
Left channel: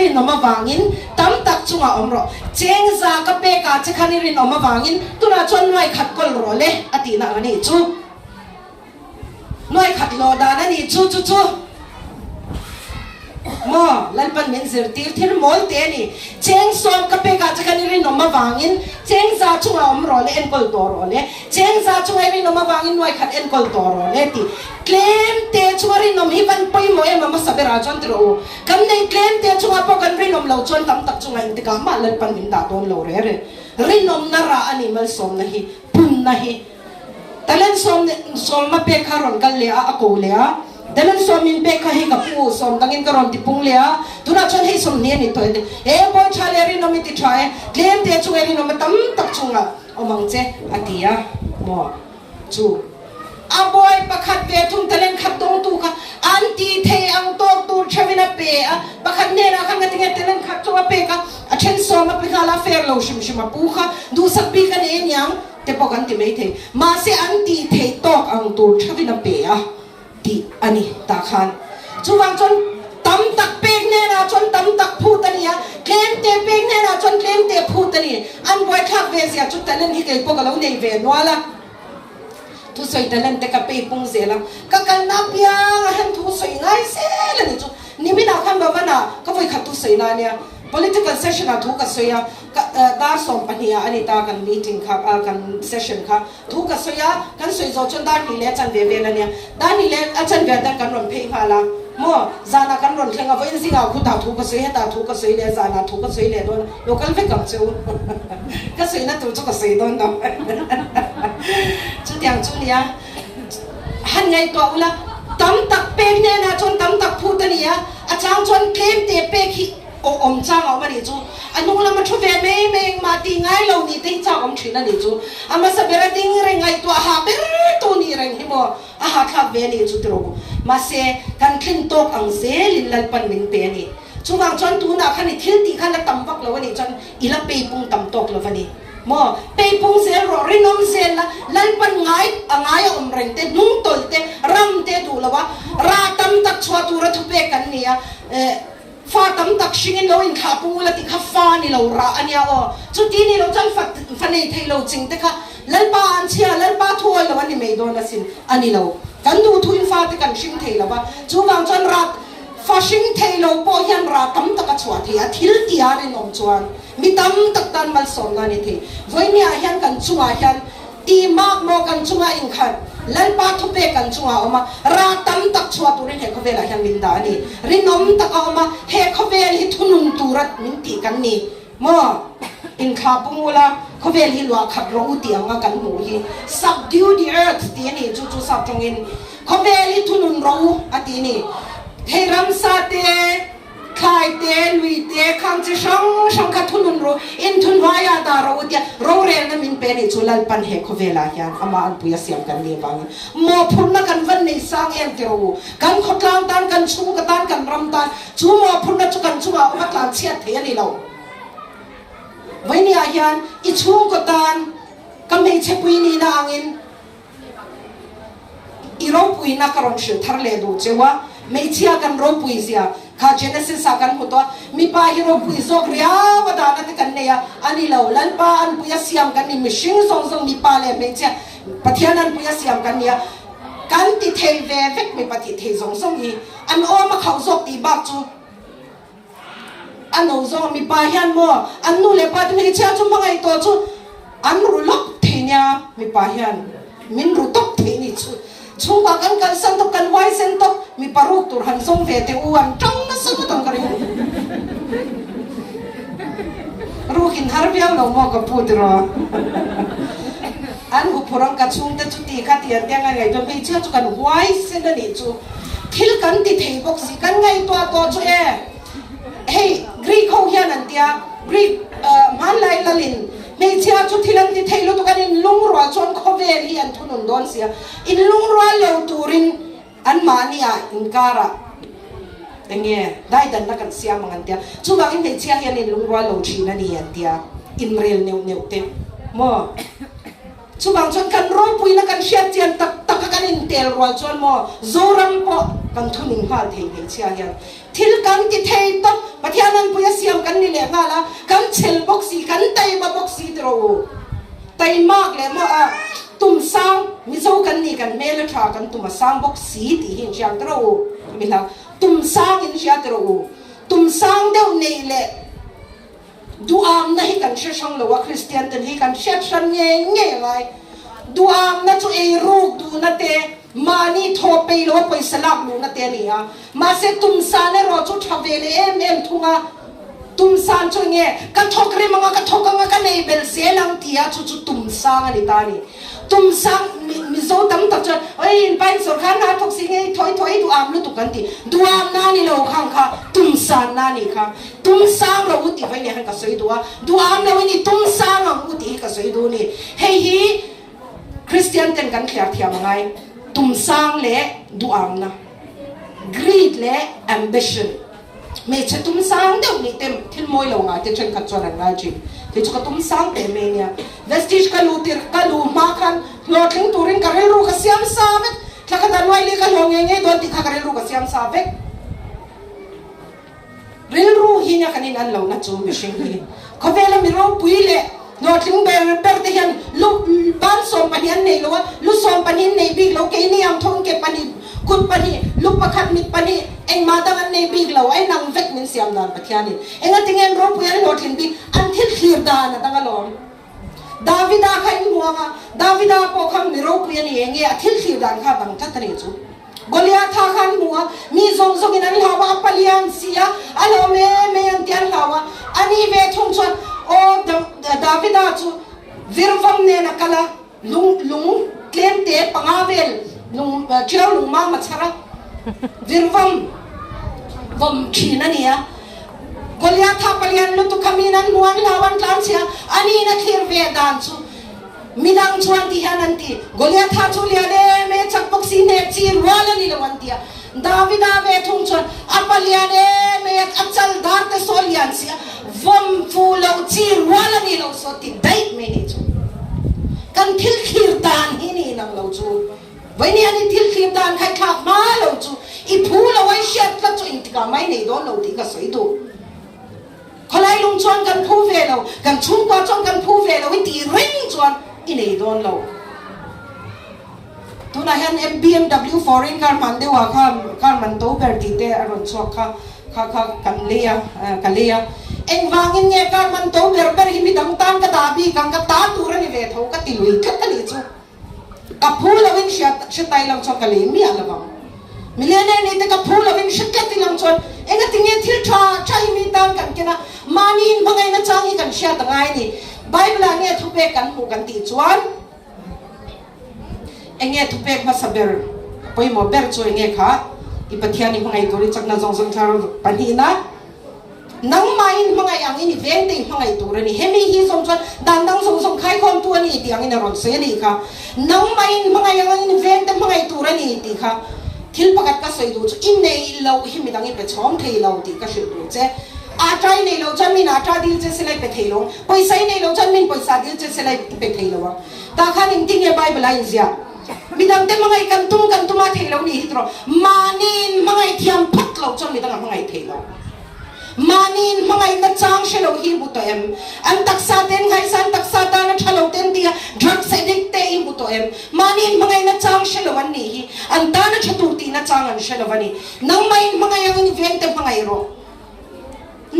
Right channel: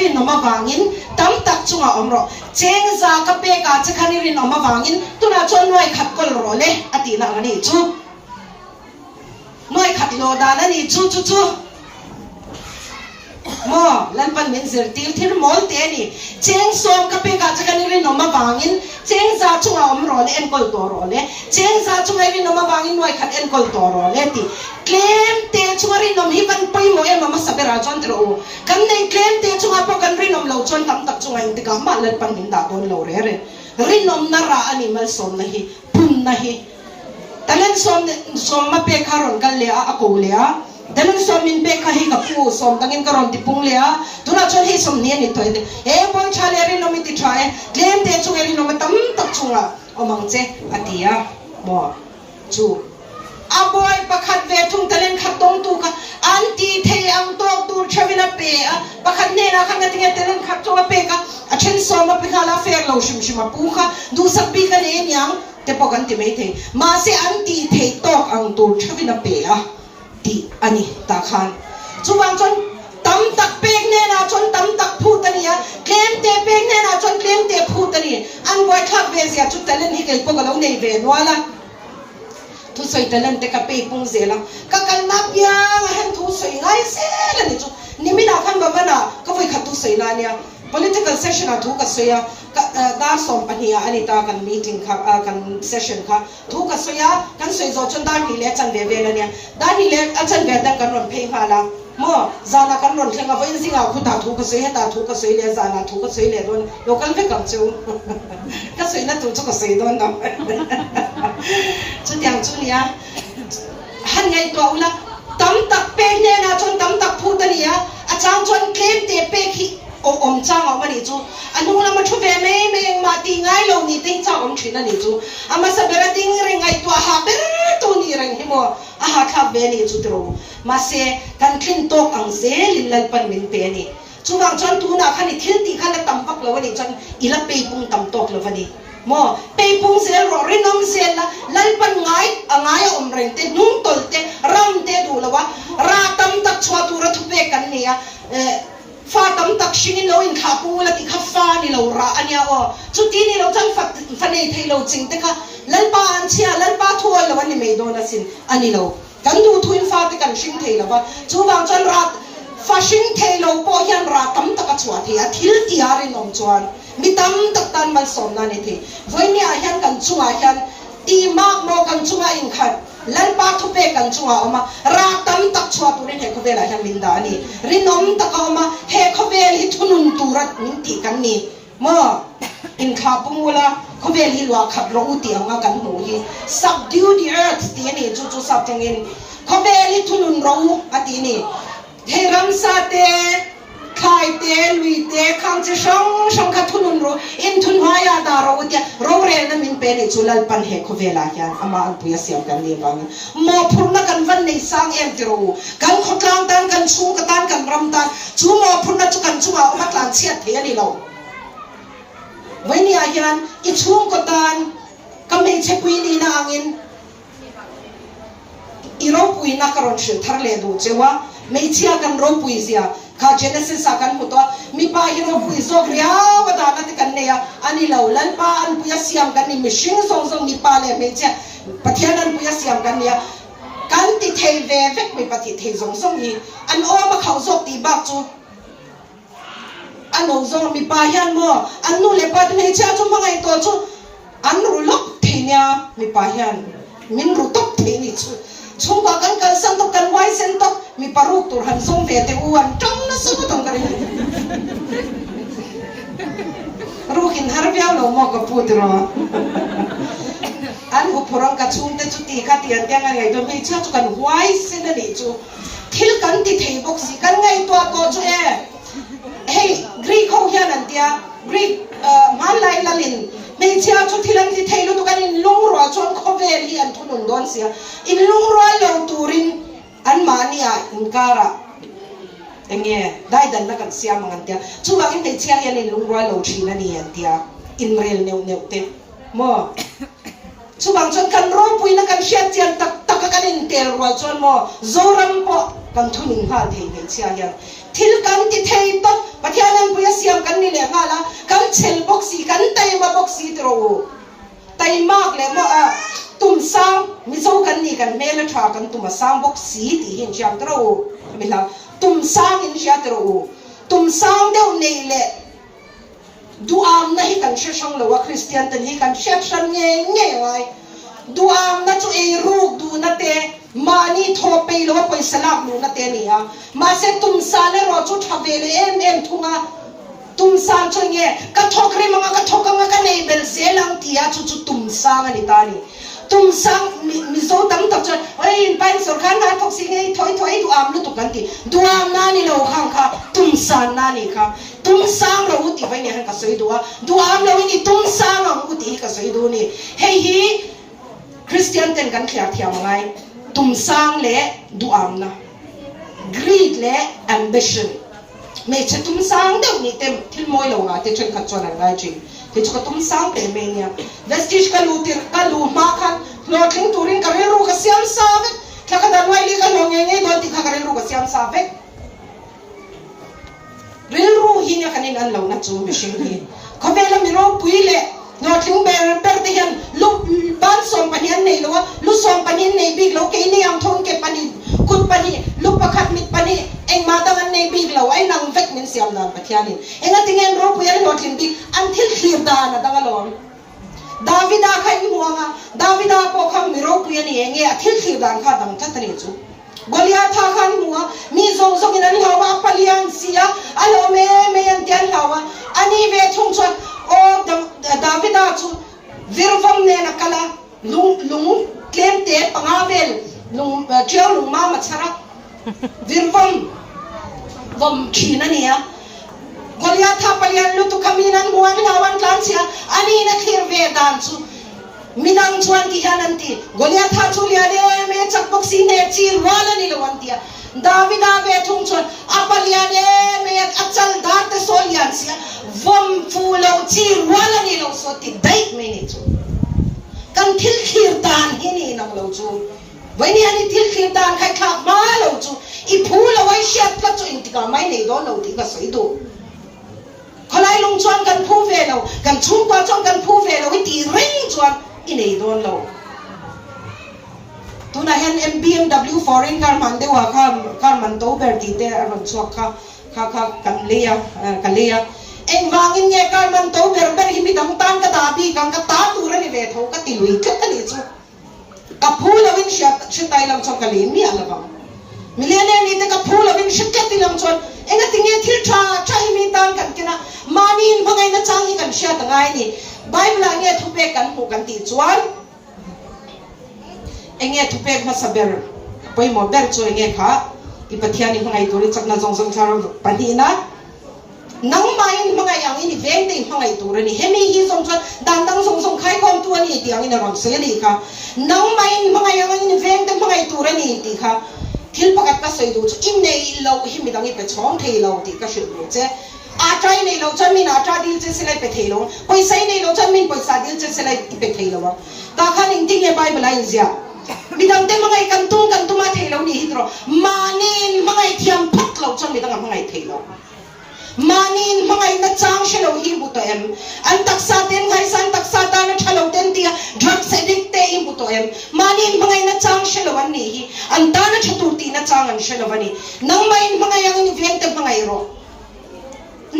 ri no ma wangin tam tak chunga umro cheng za ka pe ka chakhani ri no ma wangin tuna chon noi khat kol ro le ati na ani chu noi khat lo da na ni chu mo lan pan men zer tir thir mol te ni cheng som ka pe ka chakhani ri no ma wangin cheng za chunga umro le en kol to ro le cheng za chunga ri no ma wangin noi khat en kol to ro le ti claim te chunga ri nom hi ban pai mo em ma sabera chon tro kan nei claim te chunga po kan ri nom lo chon tam tak chunga in te ka ma lan pan din da don lo re ri nom na ra animal som na hi pun na hi talen som ma pe kharon kal le a ko le a talen som min pe kha hi ka pu som tangin karon ti pung le a tuna chon hi som ne ni to e bon chale ri nom ti try claim te chunga ri nom tam tak chunga omang che atia mo chu aboy pakhat ve thung talen khat tong tu ka anti thei ang tok tur chavina pe pakhat ne na khang tinga talen khat chunga pe ka achen so ma pe khala fer lo shim pu kha du sak pi ka ne nyang te pokan ti mei thei ma se anti thei tok ang tur chavina pe ti ani ta khan chuwang chon tam tak pe ne na chon tam tak phu tania claim te pe ne na chon claim te phu tani an boy thak ve sia chu talen hi ke pokalo nei ve wala tu soi talan te ka pe pung zela ka kal na pia han tu soi ngai se la ni chu ni mi na kham ba na ka voi khat tu soi na nia political session a thu ka soya da som pania ani ta kan meeting kha kan session kha thu ka soya kan soi zo chon da ni le chan ve ve la nia da ni le a chan ve da kan ron phei pha la mo zana kan ron thenga voi zinga khu ta thu ka soi ta thu ka soi le zana thu ka soi le don local ve kam chu ka soi na tu chu ka soi don na chu tiang chu nia han ngai to ula tam tak pe ne na chon tam tak phu ta nia a chang chon claim te pe khi om chang au mani chu anu la ma thu ve me ma ti ngai lo ni ting chang om thina ni chu ama sa bera ting re ngai to ha ber to ni reng hi mo a ha kha ve ni chu tro ma se kan thin tok ang se lin lal pan min pe ni chu wang chon tu na khani thil ti khan tam pak lo ni chon ila pe pung tam tok lo ni mo pe pung se ro ri nom se na lal pan ngai angai om reng te nung tol te ram te du lo wa ra tam tak chwa tu ra thu pe kan ni a fa tam tak shingin lo in kha pu la ti kha fa ni lo ra ania o chu ti ni lo chang fa nei thei lo ching te kha lan pa an chia lan pa thu lo ani me do na sin ani lo kan du thu in fa te kan shing thei lo ba chu wang chan ra fashing thelo po hian ra kam taka chua the a thil tiarin om chuan mi tam tak dan mal son na ni the voinia hian kan chua hian ti mak mo kan chunga in khat lan pa thu pe kan chunga oma ra tam tak chua turin he khovela hian min da ni rinom tak oma he khovel hi thunun turat min ti kan ni mo in kha pumula khovel hi lwa khat ro ti anga kan mu hi subdue the earth ti ni chu chu sap tengin khovel hi thunun ro ati ni he ram sa te khai te lui te khang chi shong kha thunun ro in thun hwaya da ro ti ro re na min pe ni chulal pan he khovela hian ama an puya siam kan ni bang mo phurna kan van nei sang em ti ro kan khotlang tan kan chu ka tan kan ram tan chu mo phurna chu kan chu a ma tlan chiat the ni lo voinia hian I chung ko tan ka me che pui ni na angin I ro pui na karon shil thar le do chewa me chia kan ro pui sia ka Genesis akan mo to mi pa hi ro pui zok ria wa da na te kan ne ya ani lo lan pa an puya siam kan ni mishing song song ni pa le me chia pathian an puya siam kan ni ya kan ti thei ve vek me pati thei song song ni an o ma khau zok ti ba chu an o zo mi pa hian mo an nu le pa me chia chu ma ngai to chu an ru lok thei nya mi pa hian min ru tok thei ni chu chung ka kan sang to kan wai sen to mi paruk tur han song ve te uan trong na su to kan ruhin har biao no mo ka pudro an hu purang ka chung te chu ti ka ti an yang ngai to mi cha chu kan wai sen ni chu thil kan ti thei bok si kan ngai to chu e hey Greek ho hian an tia Greek man lai lalin me chia chu thilan ti thei lo to kan in lung ro chon khovel hi an thunun don sia in lung ro lo turin an mania in kara enge dai dan na kan siam ngan tia chu wa in me chia hian in lung ro lo thina ni an tia in rel neu te mo chu bang chon kan ro pui na kan shet chian tak kan in tel ro chon mo zoram po kan thunin ha thei me chia hian thil kan ti thei to pathianan puya siam kan ni le ngala kan chel boxi kan tai ma boxi tro tai mak le mo a tum sang mi zo kan ni kan mela tha kan tum sang boxi ti hin jam tro mi la tum sang in ja tro tum sang de nei le duam na hi kan she shong lo wa Christian tan hi kan she shan nge ngai duam na chu e ruk du na te mani thope lo poi salak lu na te ni a ma se tum sa le ro chu thavele em thunga tum sa chu nge ka thokri manga ka thokanga ka nei bel se lang tia chu tum sa ga ni ta ni tum sang mi zo tam ta chu oi ban so khan na thok si nge thoi duam lu tu kan ti duam na ni lo khang kha tum sa na ni kha tum sang lo ti vai ne han ka soi duwa duam lo ni tum sang ang u ti ka soi du ni hei hi Christian ten kan khia thia ngai tum sang le duam na greed le ambition me che tum sang de ni tem thil moi lo nga te chen khat chon nga ji te chu tum sang te me nya vestige ka lu tir ka lu ma khan lo thing turin ka re ru ka siam sa ve kha ka dan wai le ka lo nge do ti kha ka re ru ka siam sa ve ril ru hi nya kanin an lo na chu mi shin hi ko ve la mi ro pui le lo thing be per te yan lu ban som pan yan nei lo lu som pan yan nei big lo ke ni am thong ke pani kut pani lu pakhat mit pani eng ma ta nei big lo ai nang vek min siam nan pathianin enga tingen ro pu yan lo thing bi an thil khlir da na da lo Davida khai muanga Davida po kham mi ro pu yan enge a thil khlir dan kha dang that ni chu Goliath tha khan muanga mi zong zong in an hawa palian sia alo me an tian hawa ani ve chung chon o Davida chu virvam ne na kala lung klem te pangavel lung chiao lung ma machara virvam vom khina nia Goliath tha palian lu tu kaminan muang lawan tlan sia ani na khir ve dan chu midang chuan ti hananti Goliath tha chu lia de me chak boxi ne chi wala ni lawan tia Davida ve thung chon apalian e me achal dat te solian sia vom fulo chi wala ni lo so ti date me ni chu kan thil khir dan hi ni nang lo chu vai ni ani thil khir dan khai khap ma lo chu I phu lo wai shat la chu in ti ka mai nei don lo ti ka sai do khalai lung chuan kan phu ve lo kan chung kwa chong kan phu ve lo hi ti ring chuan I nei don lo tuna na han BMW foreign car man de wa kha man to ber ti te aron so kha kan leya en mangin nge car man to ber hi mi dang tan ka da bi kang ka ta tu ra ni ve tho ka ti lui ka ni chu ka phula win shat tai lam so ka le mi ala ba millionaire ni te ka phula win shat ti lam chon enga tinge thil tha chai mi tan kan kena manin bangai na changi kan sha ta ngai ni bible ani thu pe kan mu kan ti chuan enge thu pe ma saber poi mo ber chu enge kha i pathiani ngai tori chakna jong thar pani na nang main mangai ang ini veng te mangai tu rani hemi hi som chan dang som khai khom tu ani ti ang ina ron se ni ka nang main mangai ang ini veng te mangai tu rani ti kha thil pakat ka soi du chu in nei lo hi mi dang i pe chom thei lo ti ka shil lu che a trai nei lo chan min a tra dil che se lai pe thei lo poi sai nei lo chan min poi sa dil che se lai pe thei lo ta kha ning ting ye bible ai zia mi dang te mangai kan tu ma thei lo ni hidro manin mangai thiam phat lo chan mi dang mangai thei lo manin mangai na chang shelo hi bu to em an taksa ten ngai san taksa ta na thalo ten tia drugs addict te hi bu to em manin mangai na chang shelo an ni hi an ta na chatu ti na chang an shelo ani nang mai mangai ang ni veng te mangai ro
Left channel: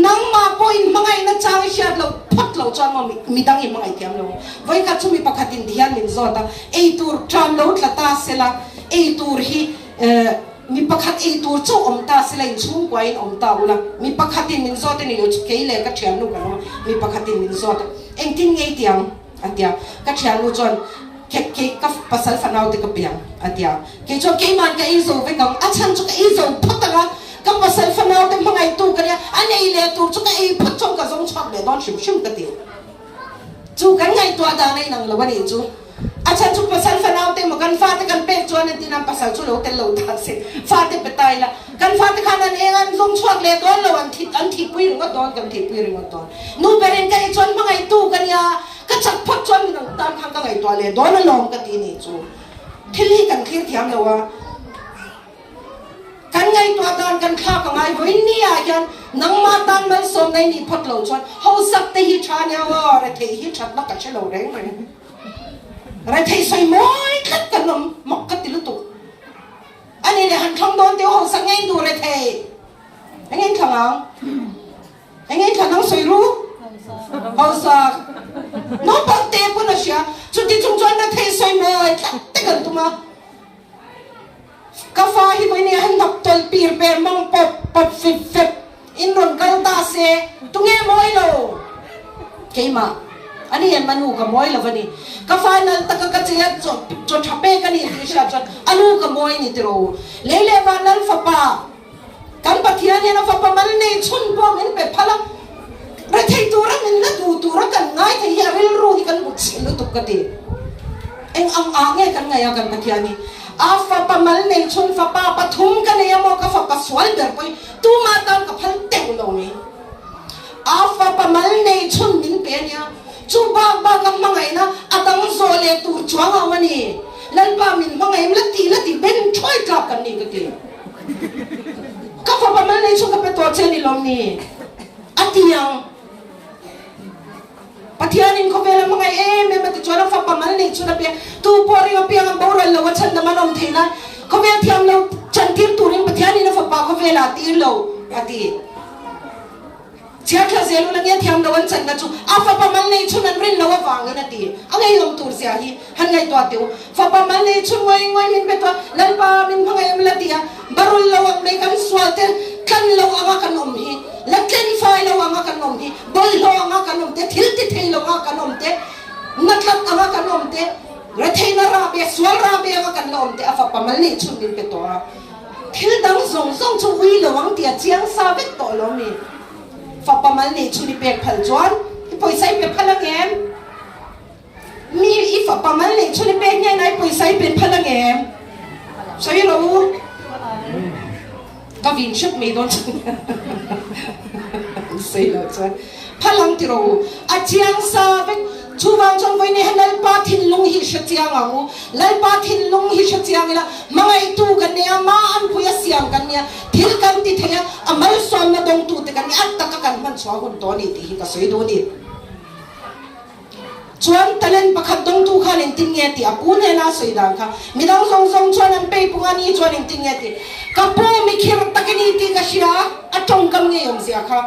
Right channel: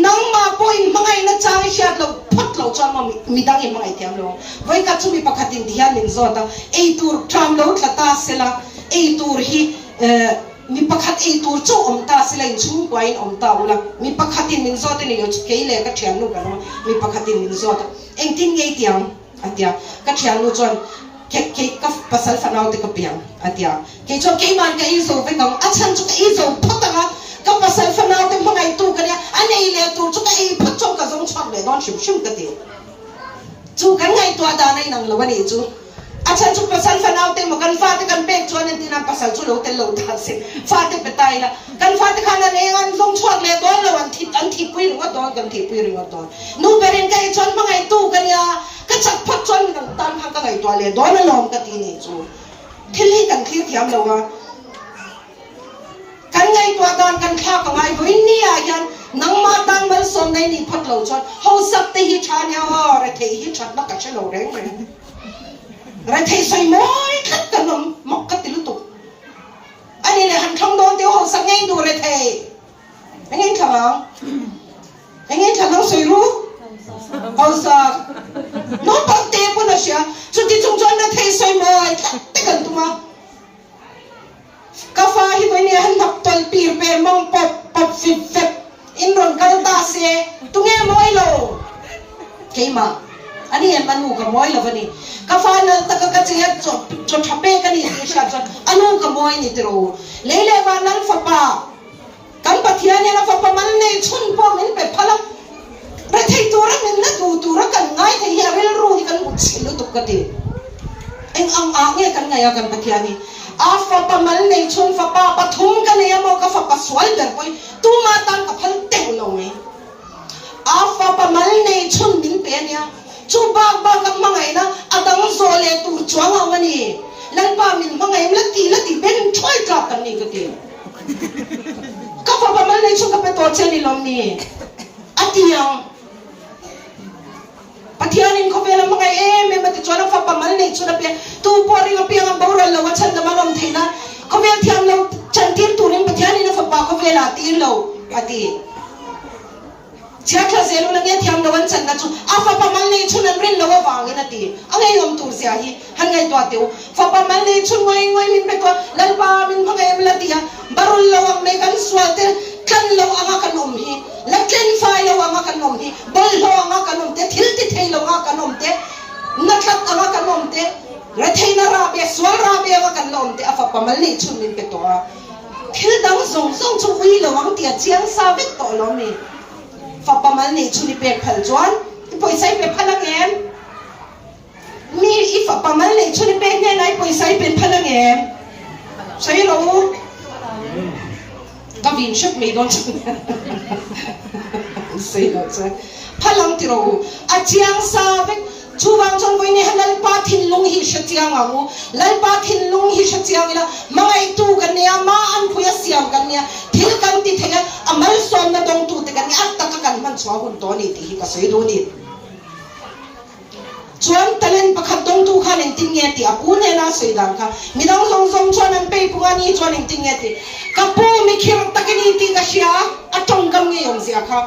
nang ma point mangai na chang shat lo phat lo chan ma mi dang i mangai tiam lo vai ka chumi pakhatin dian min zo ta ei tur tram lo tlata sela ei tur hi mi pakhat ei tur chu omta silain chung kwain omta ula mi pakhatin min zo te ni lo keile ka thiam nu ka mi pakhatin min zo ta engtin ngei tiang atia ka thiam nu chon ke ka pasal fanau te ka piang atia ke cho ke man ka izo ve ka achan chu ka izo photanga ka pasal fanau te mangai tu ka ne anei le tu chu ka ei phat chong ka zong chak le don shim ka te chu kan ngai tu ada nai nang lo ni chu achan chu pasal fanau te makan fa te kan pek chuan an tinam pasal chu lo te lo ta se fa te petai la kan fa te khana ne an zong chuak le don lo an thi pui ring don kan thi pui ring don nu berin kai chuan mangai tu kan ya ka chak phat chuan min tan phang ka ngai to le don lom ka ti ni chu thili kan thil thiam lo wa kan ngai to dan kan kha ka ngai voi ni a yan nang ma dan mal som nai ni phat lo chuan ho sak te hi tha nya wa re the hi that na ka chelo reng mai rồi thầy xoay môi khắp cả nằm mọc cái tiếng tục anh ấy hẳn không đón tiêu hồ sang anh đùa rồi thầy anh ấy không nó xoay rú bao giờ nó bao tiền của nó xia chút đi chung chung nó thầy xoay môi khắp tất cả tụi nó cà phê hi với anh đọc tuần bìa bè mong bập phep in run cal ta xe tụi nghe môi lồ cái mà ani em manu ka moi lavani ka final taka ka chia cho thape ka ni sha cha anu ka moi ni tro lele wa lal fa pa kam pathian ya na fa pa man ne chun po min pe phala re thei tu ra min na tu ra kan ngai thei ya rel ru hi kan chilu tu ka ti eng ang a nge kan ngai kan pathian ni a fa pa man ne chun fa pa pathum ka ne mo ka fa pa swal der poi tu ma tan ka phal te lo me a fa pa man ne chun min pe nya chu ba kam mangai na atang zo le tur chuang awani lan pa min mangai lati ben thoi trap kan ni ka ti ka fa pa mal nei chu ka pe to che ni lom ni atiang pathian in ko vela mangai me mati chona fa pa mal nei chu na pe tu po ri ma piang ba ro lo chan da manom theina ko vel thiam lo chan tin tu rin pathian in fa pa ko vela ti lo ati chia kha zelu na nge thiam lawan chan da chu a fa pa mal nei chun an rin lawa wang na ti angai yom tur sia hi han ngai to tiu fa pa mal nei chun ngoi min pe to lan pa min mangai am la ti ha barul lawang me kan swate kan law anga kan om hi la ken fa law anga kan om hi bal law anga kan om te thil ti thei law anga kan om te natlat anga kan om te re thei na ra be swal ra be anga kan om te a fa pa mal nei chun min pe to a thil dang zong chu wi lawang ti a chiang sa vek to lo mi fa pa mal nei chuni pe phal chuan poi sai pe phalang em mi i fa pa mal nei chuni pe nya nai poi sai pe phalang em sai lo ka vin shuk me don sai lo cha phalang ti ro a chiang sa ve chuwang chon voi ne halal pa thin lung hi sha chiang amu lal pa thin lung hi sha chiang ila mangai tu kan ne ma an phuya siam kan ne thil kan ti thela amal som na dong tu te kan at tak kan man chwa hun to ni ti hi ka sei do ni chuan talen pakhat dong tu khan in tin nghe ti apu ne na soi dang kha mi dang song chon an pe puani chon in tin nghe ti kapu mi khir takini ti ka sia atong kam nge yom sia kha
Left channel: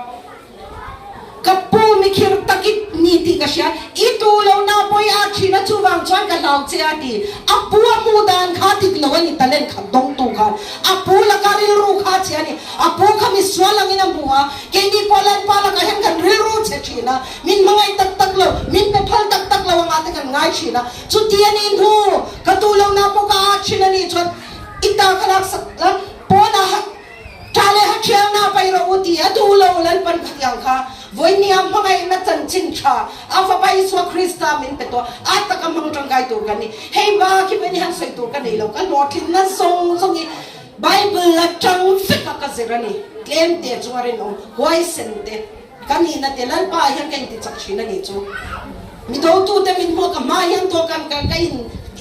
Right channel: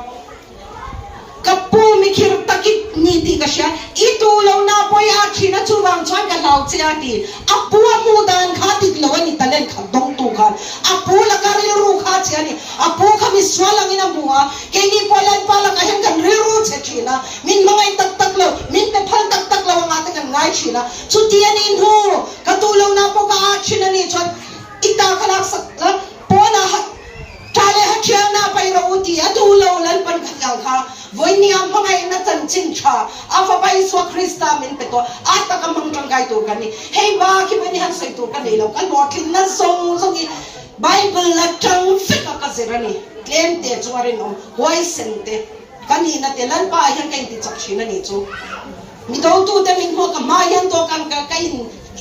kapu mi khir takit ni ti ka sia itu lo na poi a china chuwang chon ka lau che ati apu mu dan kha ti lo ni talen kha dong tu kha apu la ka ri ru kha che ni apu kha mi swalang ina buha ke ni polan pa la ka hen kan ri ru che china min mangai tak lo min pe phal tak lo nga ta ngai china chu ti ani nu ka tu lo na po ka a china ni chon ita kalak sak po na ha chale ha chiang na pai ro uti atu lo lan pan khyang kha voi ni am mangai na chan chin tha afa pai so krista min pe to ata ka mang tang kai tu kan ni hei ba ki ni han sai tu kan ni lo kan lo thin na song ni bible la tang fit ka zerani claim te chuare no hoi sen te kan ni na te lan pa hian kai ti chak china ni chu mi do tu te min ho ka ma hian to kan ka kai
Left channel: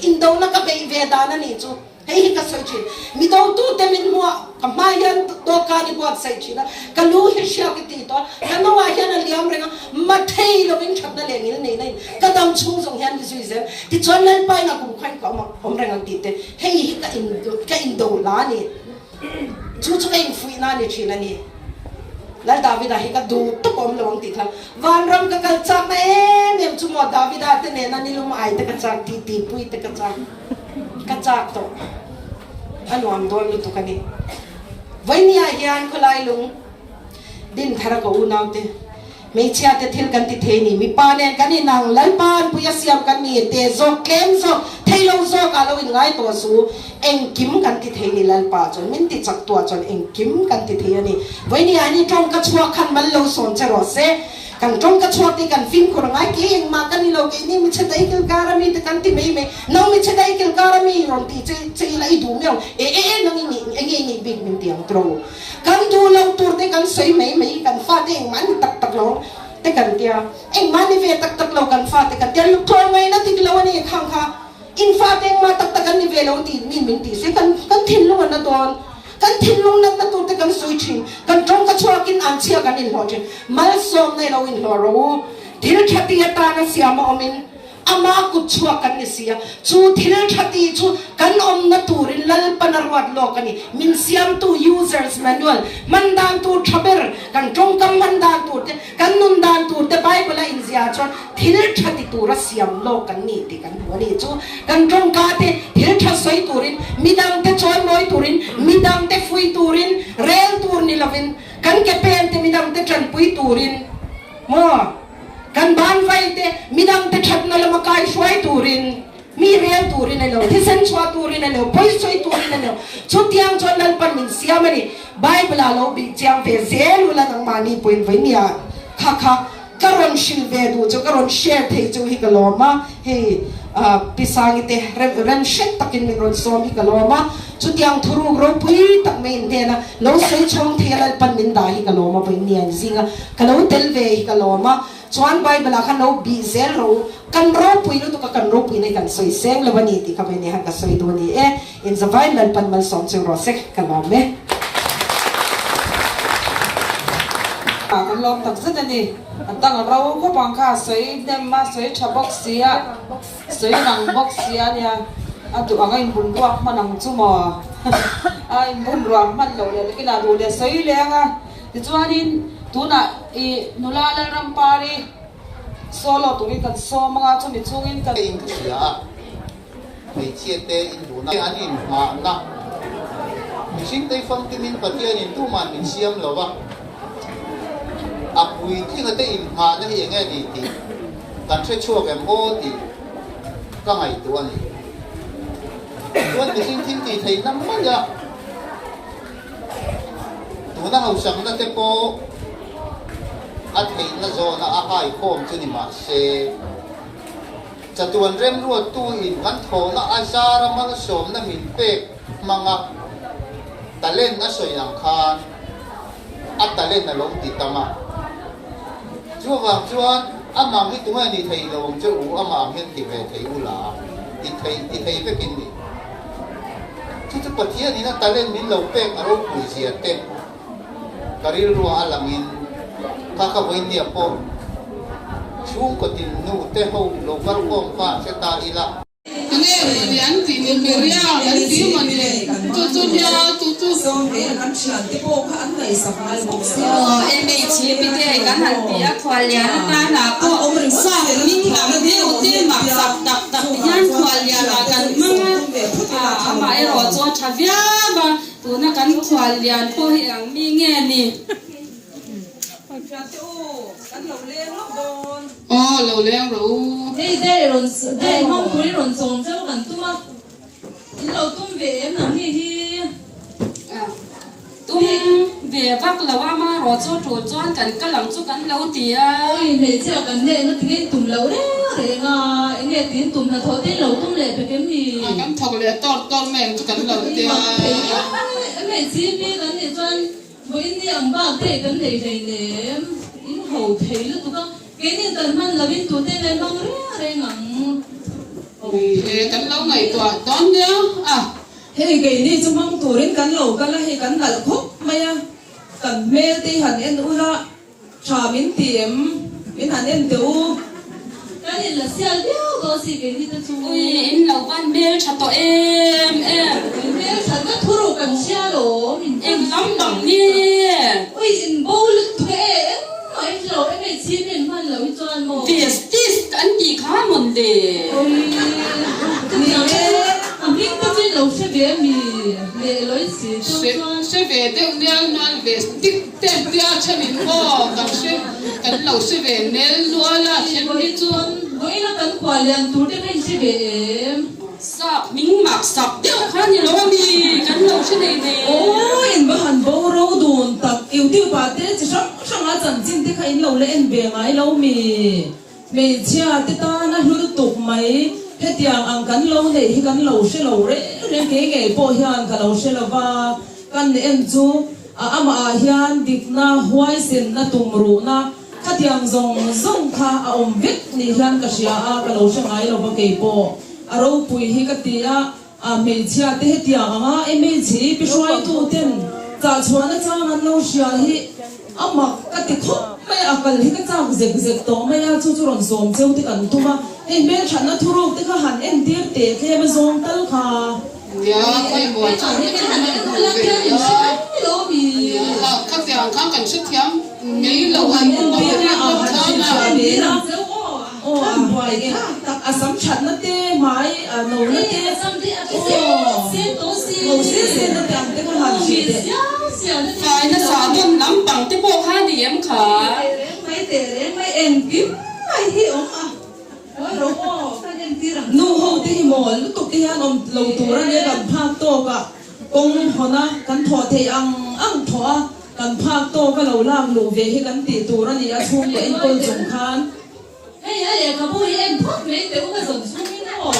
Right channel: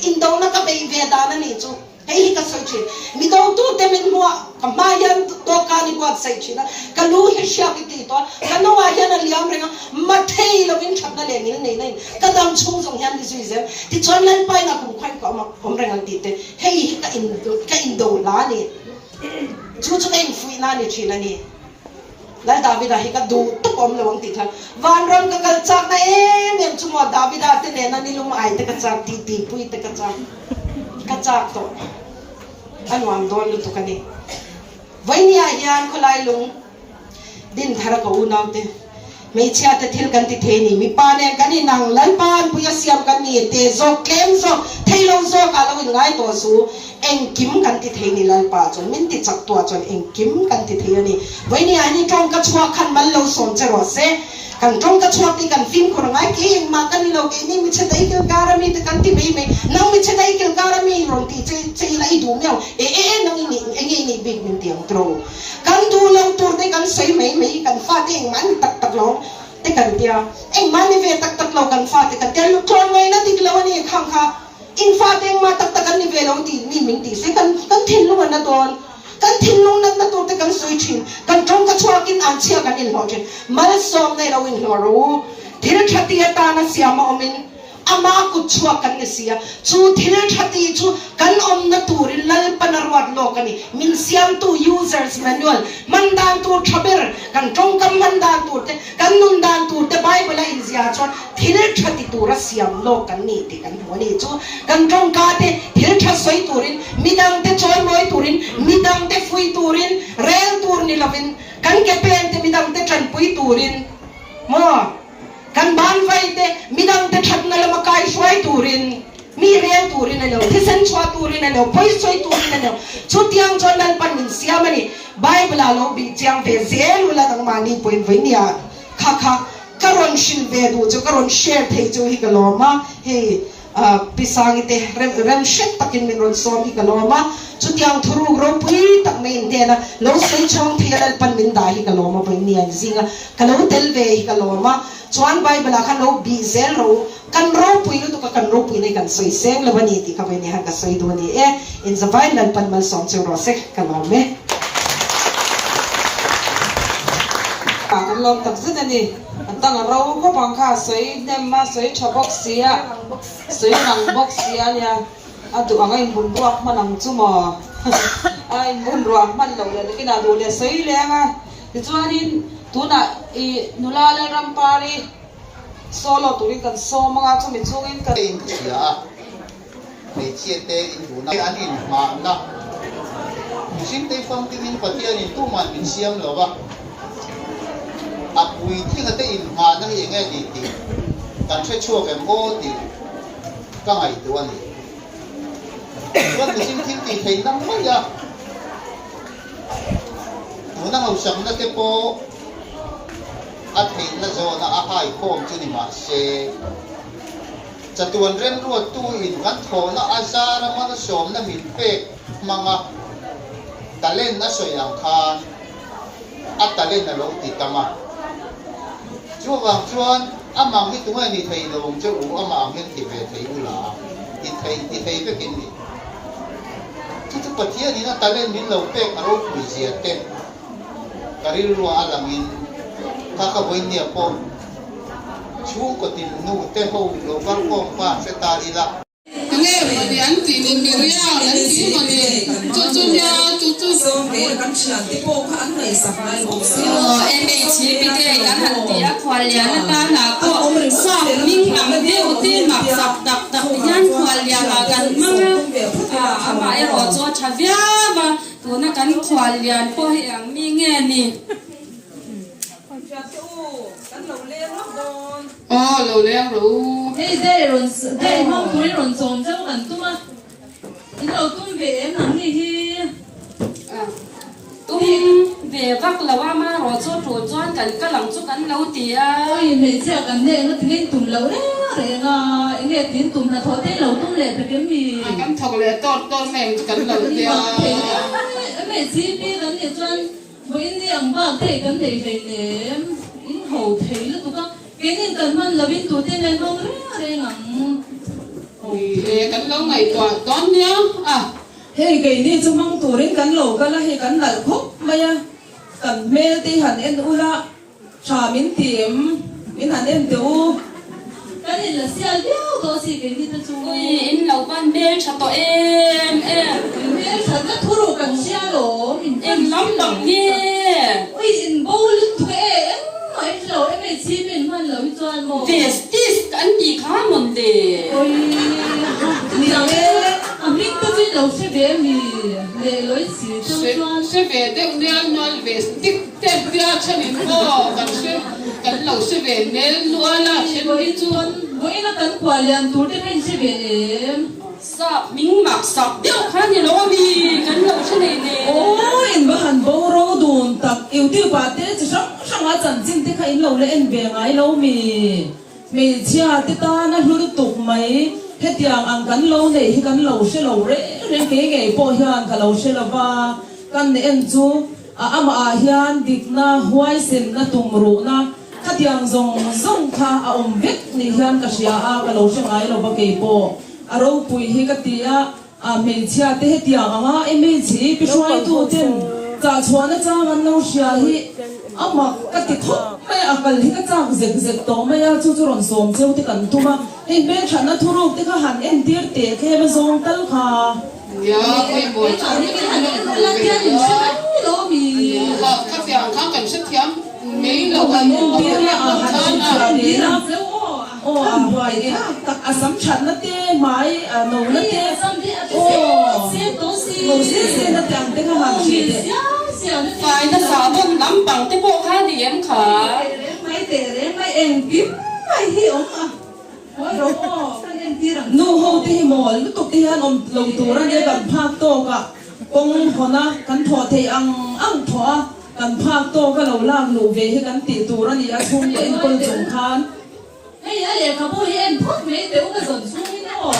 in do na ka be ve da na ni chu hei ka sai chi mi do tu te min ho ka ma hian to ka ni ko sai chi na ka lu hi sha ki ti to ka no wa hian a liam renga ma thei lo in chat na le ni nei nei ka dam chung song hian ni zui zen ti chon lan pai na ku khai ko ma om renga ti te hei ka in do la ni chu chu en fui na ni chi na ni lai David hi ka du to kom lawang ti thang van ram ka kal chak na em chu mo David te ne na ni lum ai te ka chak ti pui te ka chak to anwam don lu to ka ni vai ni a hian ko lai lung din thara ko unaw te me chia te thil kan ti the ni mi pa ne kan ni nang lan pan pu ya siam kan ni te zo klem zo thailo zo ka lo in ngai to su eng kim kan ti the ni lan pa chon min ti chak to chon eng kim kan ti the ni vai ni ani tong ka chua khan mal lo som che ro se kan tong ka chua ti kan film ko ngai ki eng ma kan ni lo ke ni mi che dai kil gara mi te kan ti me nang mi che dai kil gara mi ro ti che lai du meo nang ni eng big min ti ang tro kan du lo tur te kan sei me kan fa te eng man tak lo te kan tia eng man ni ve tak lo kan fa te kan tia lu tron ngai na ti lo ni khang kha in fa te ma tak kan ni ve lo ti ni min ti se kan thin lu na don kan thin lu na tu te kan soi chin kan tong ka chua kin an chia kan in lo chen mal som ne lo in lo ro thil thati ata na siama omin ama ku chua kan ni sia chu thil thati chu kan om na turin lal panarwat lo kan ni min siam tu users manual mandan tu thaber kan tong kam mandan tu te kan nun dan tu te bible in zia chon thil thati tu ra siam lo kan ni ti kan wani chu kan tong ka te thil tha soi turin midang te choi moi turin midang te fui turin rel tur ni lovin kan ke pen te midang te chan pui turin mo kan ban vai te midang te thap na lama kai shwai turin mi real turin elo thisen chwa turin elo poi soi turin elo chutiang chonal pan min siamani bible alo bi chiang ve zel ula dang mani point vai nia kha karon shin ve du chu karon share thei chu hi kaloma he pisang te ren shet takin min ron som hi kaloma chutiang thuru ro pui tak mein te na lo sei chong thial pan min da hi kaloma pai nia zinga kalo tel ve hi kaloma chuan bible khan lo bi zel ro kan ro pui no to ka kan ro pui nei kan soi sem lo bani ti ka be ni han ka soi du ni in zavai lan pan mal som chu ro se kalome ka kan lom tak zet ani tang ro ko bang kha soi dem ma soi chabok sia soi nang bok sia nia atu angai bun ruak manang chumo ai bun ruak man lo le kina du le soi le nga ti chuanin tuna I nulala rampari solo turi kan so mga chumi chungin kan in sia mai chia te in buna an in ma na sin te phong ti min patian in tu man min siam lo wa apui thi nga te in ma na hi nge di ti kan che chuo ke mo ti ka ngai tu ani chuan tu sin tin ti thei nam ma ya tu na hau sam na te po at hay na zona ahai khom chu ni ma se chatuan rem ruat tu in kan tho na asara man som na min pe manga talen na soyang khan at talen na long ti tama chuwang chuan amang hi tunga ni thei long chu amang hin ti ve thei ula ti thei pe kin ni chu pathia ni na talen min lo pe aro pu sia te karil ru alangin kaka boinia po chung ko tin nu te ho lo par ko pa se ta ila ni an ti ni beria an ti ma ni chu nya chu song ke kan chian te po ka an nei sa mai mo em bị chỉ bị cái cái hạt tía khoa liền ta là có sao mình làm cái đầu tiên mà đập yan khoa liền là cái mà em ở chỗ chả biết mà tụi nó cái khoa liền có hiện mình nghe nè lâu lên rồi đây mong cuối rồi sống trong gần tu mà in đầu tu về em làm gì hi tum về bắc là ba mà rồi cho cái làm cho cái lâu tía ôi thế giờ gần đây nó tiếng tụm lâu đấy thế nga anh nghe tiếng tụm là thôi thế lâu tụm lệ phải cái gì cắm thọc lệ to mềm cho cái lâu thì anh nghe chỉ biết anh nghe cho với những ông bà thế cái này về nè in hậu thế là tụi con cái này tận mình là bên tụi tên này không đấy ngang cái lâu ngày toán nhá hey cái này chúng mang tụi đến cái lâu cái là hey cái là thuốc mày cái mê thì hẳn em u la trà miếng tiệm miếng hẳn em tiêu cái này là xe liêu có gì cái gì đó chú ôi em lâu ban bê chặt tụi em mẹ thật là thua đồ cần xe rồi em lắm đồng đi ôi em bố lực thuê em nói lâu em bị chi mình hơn lâu cho anh một về tít anh gì khá mình để ôi mình cứ đi lâu sẽ về về lối xí sẽ về đến nhà mà về tích tên dia chân in cô cái lâu sẽ về nên luôn là chuyện đi chuan với nó tấn quả liền thủ đến anh sẽ về sập mình mặc sập tiêu khá nhiều lắm đi cái lâu sẽ này nè ôi em bảo hành bao rau đồn tập yêu tiêu bà thế chỉ sống mà chẳng chinh thế khai lâu lên em về ngay lâu mình chia thế ta nó hiểu tục mấy hết tiếng ăn cắn lâu này cắn lâu sẽ lâu đấy nên cái ngày bỏ hiền cả lâu sẽ là va căn em chú ama hiền điệp na hoài sen na tung ru na hết tiếng zong kha vết ni hiền cả xia cả lâu sẽ ngay lâu cái bỏ rau pui hi cái tia mình chia thế hết tiếng em mình chỉ biết xoay tu tên cả chuan nó cha mình lâu xia hi cái tiết thúc mấy cái hi cái cha dẹp to mấy chú rồng xôm châu thì cần tu mà em biết thằng nó thu ruột thì cái hàng em tiếc tiếc cái em zong tal kha ya cái mồi cho cái hàng các tiếng khác cần xuất thiam mấy lâu anh không biết là vậy cái sắm chắn nó tê máy nấu nó tê xí nó tạm tê cái hàng gì đấy phải nó xả bông nắm bằng cái bộ hai thì em khả mấy em tiếp mấy hiểu nu ho te hi mo lu tuk ti han om lo tu ra ne kan phak to ka kong hona kan tho the ang tho kan phak to ka lo lang lu ve hi kan ti tu ra ni a chung le en kon chung khan hey ya ka bo hi en phok me te u ka zon chung ni no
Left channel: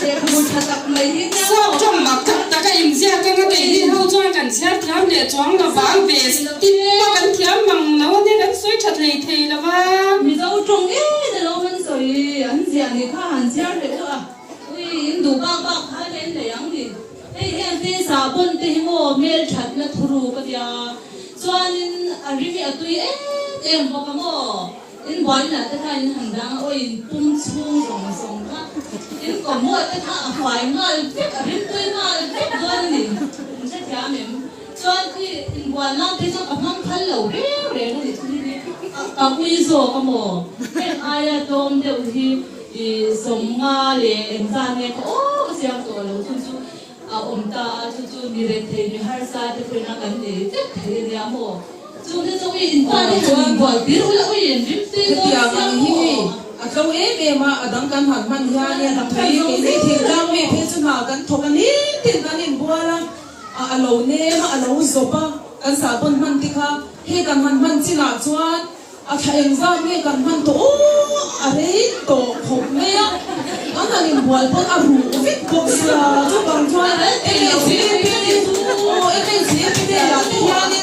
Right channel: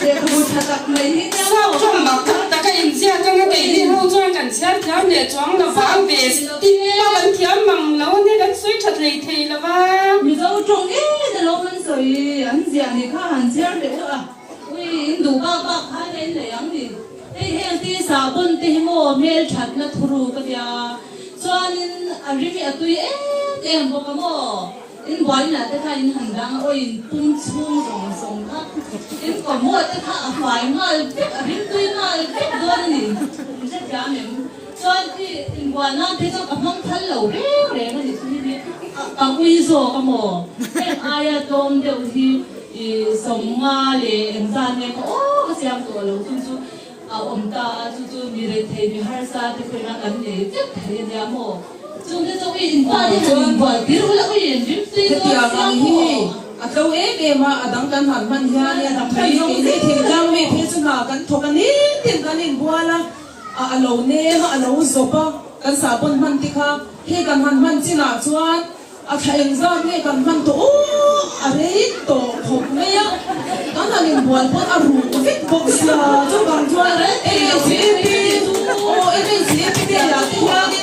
te ka bu tha tak mai hi ne sao trong mặt ta cái em ra cái cái đi hậu cho cần xét thiám để cho nó vào về tin nó cần thiám bằng nó nên cần suy chặt này thì là ba mi zo chung e de lo man so yi an jia ni kha han jia de ui du ba ha len le ang ni hey ti sa bun ti mo mel that na thuru ka dia chuan in arimi atui em bo mo in boy na te kha in hang dang oi pung chung rong song ha in ko mo te kha a hwai ngal pek a rim tui ngal pek don ni sa ja mem chuan ti in boy na te cha ka hang thal lo re ni ni ka ui zo ka mo em ai dom de hi som nga le en za ne ko ka siam to lo chu om ta chu mi re the mi har sa te pe na kan ne te the ne mo chung de zo in ta de chuan ba dir la ui en rim ti do siam hi a to ma adang kan han man ya ne na pai ki ne thing jang me phe chu ma kan thokan ni tin kan in buala a lo ne ma a lo zo pa kan sa pun man ti kha he kan han man china chuan a theng za me kan man to are to khop me ya kan han bual pon a ru vit box sa chu kan chuan e si ti ya ti ya ni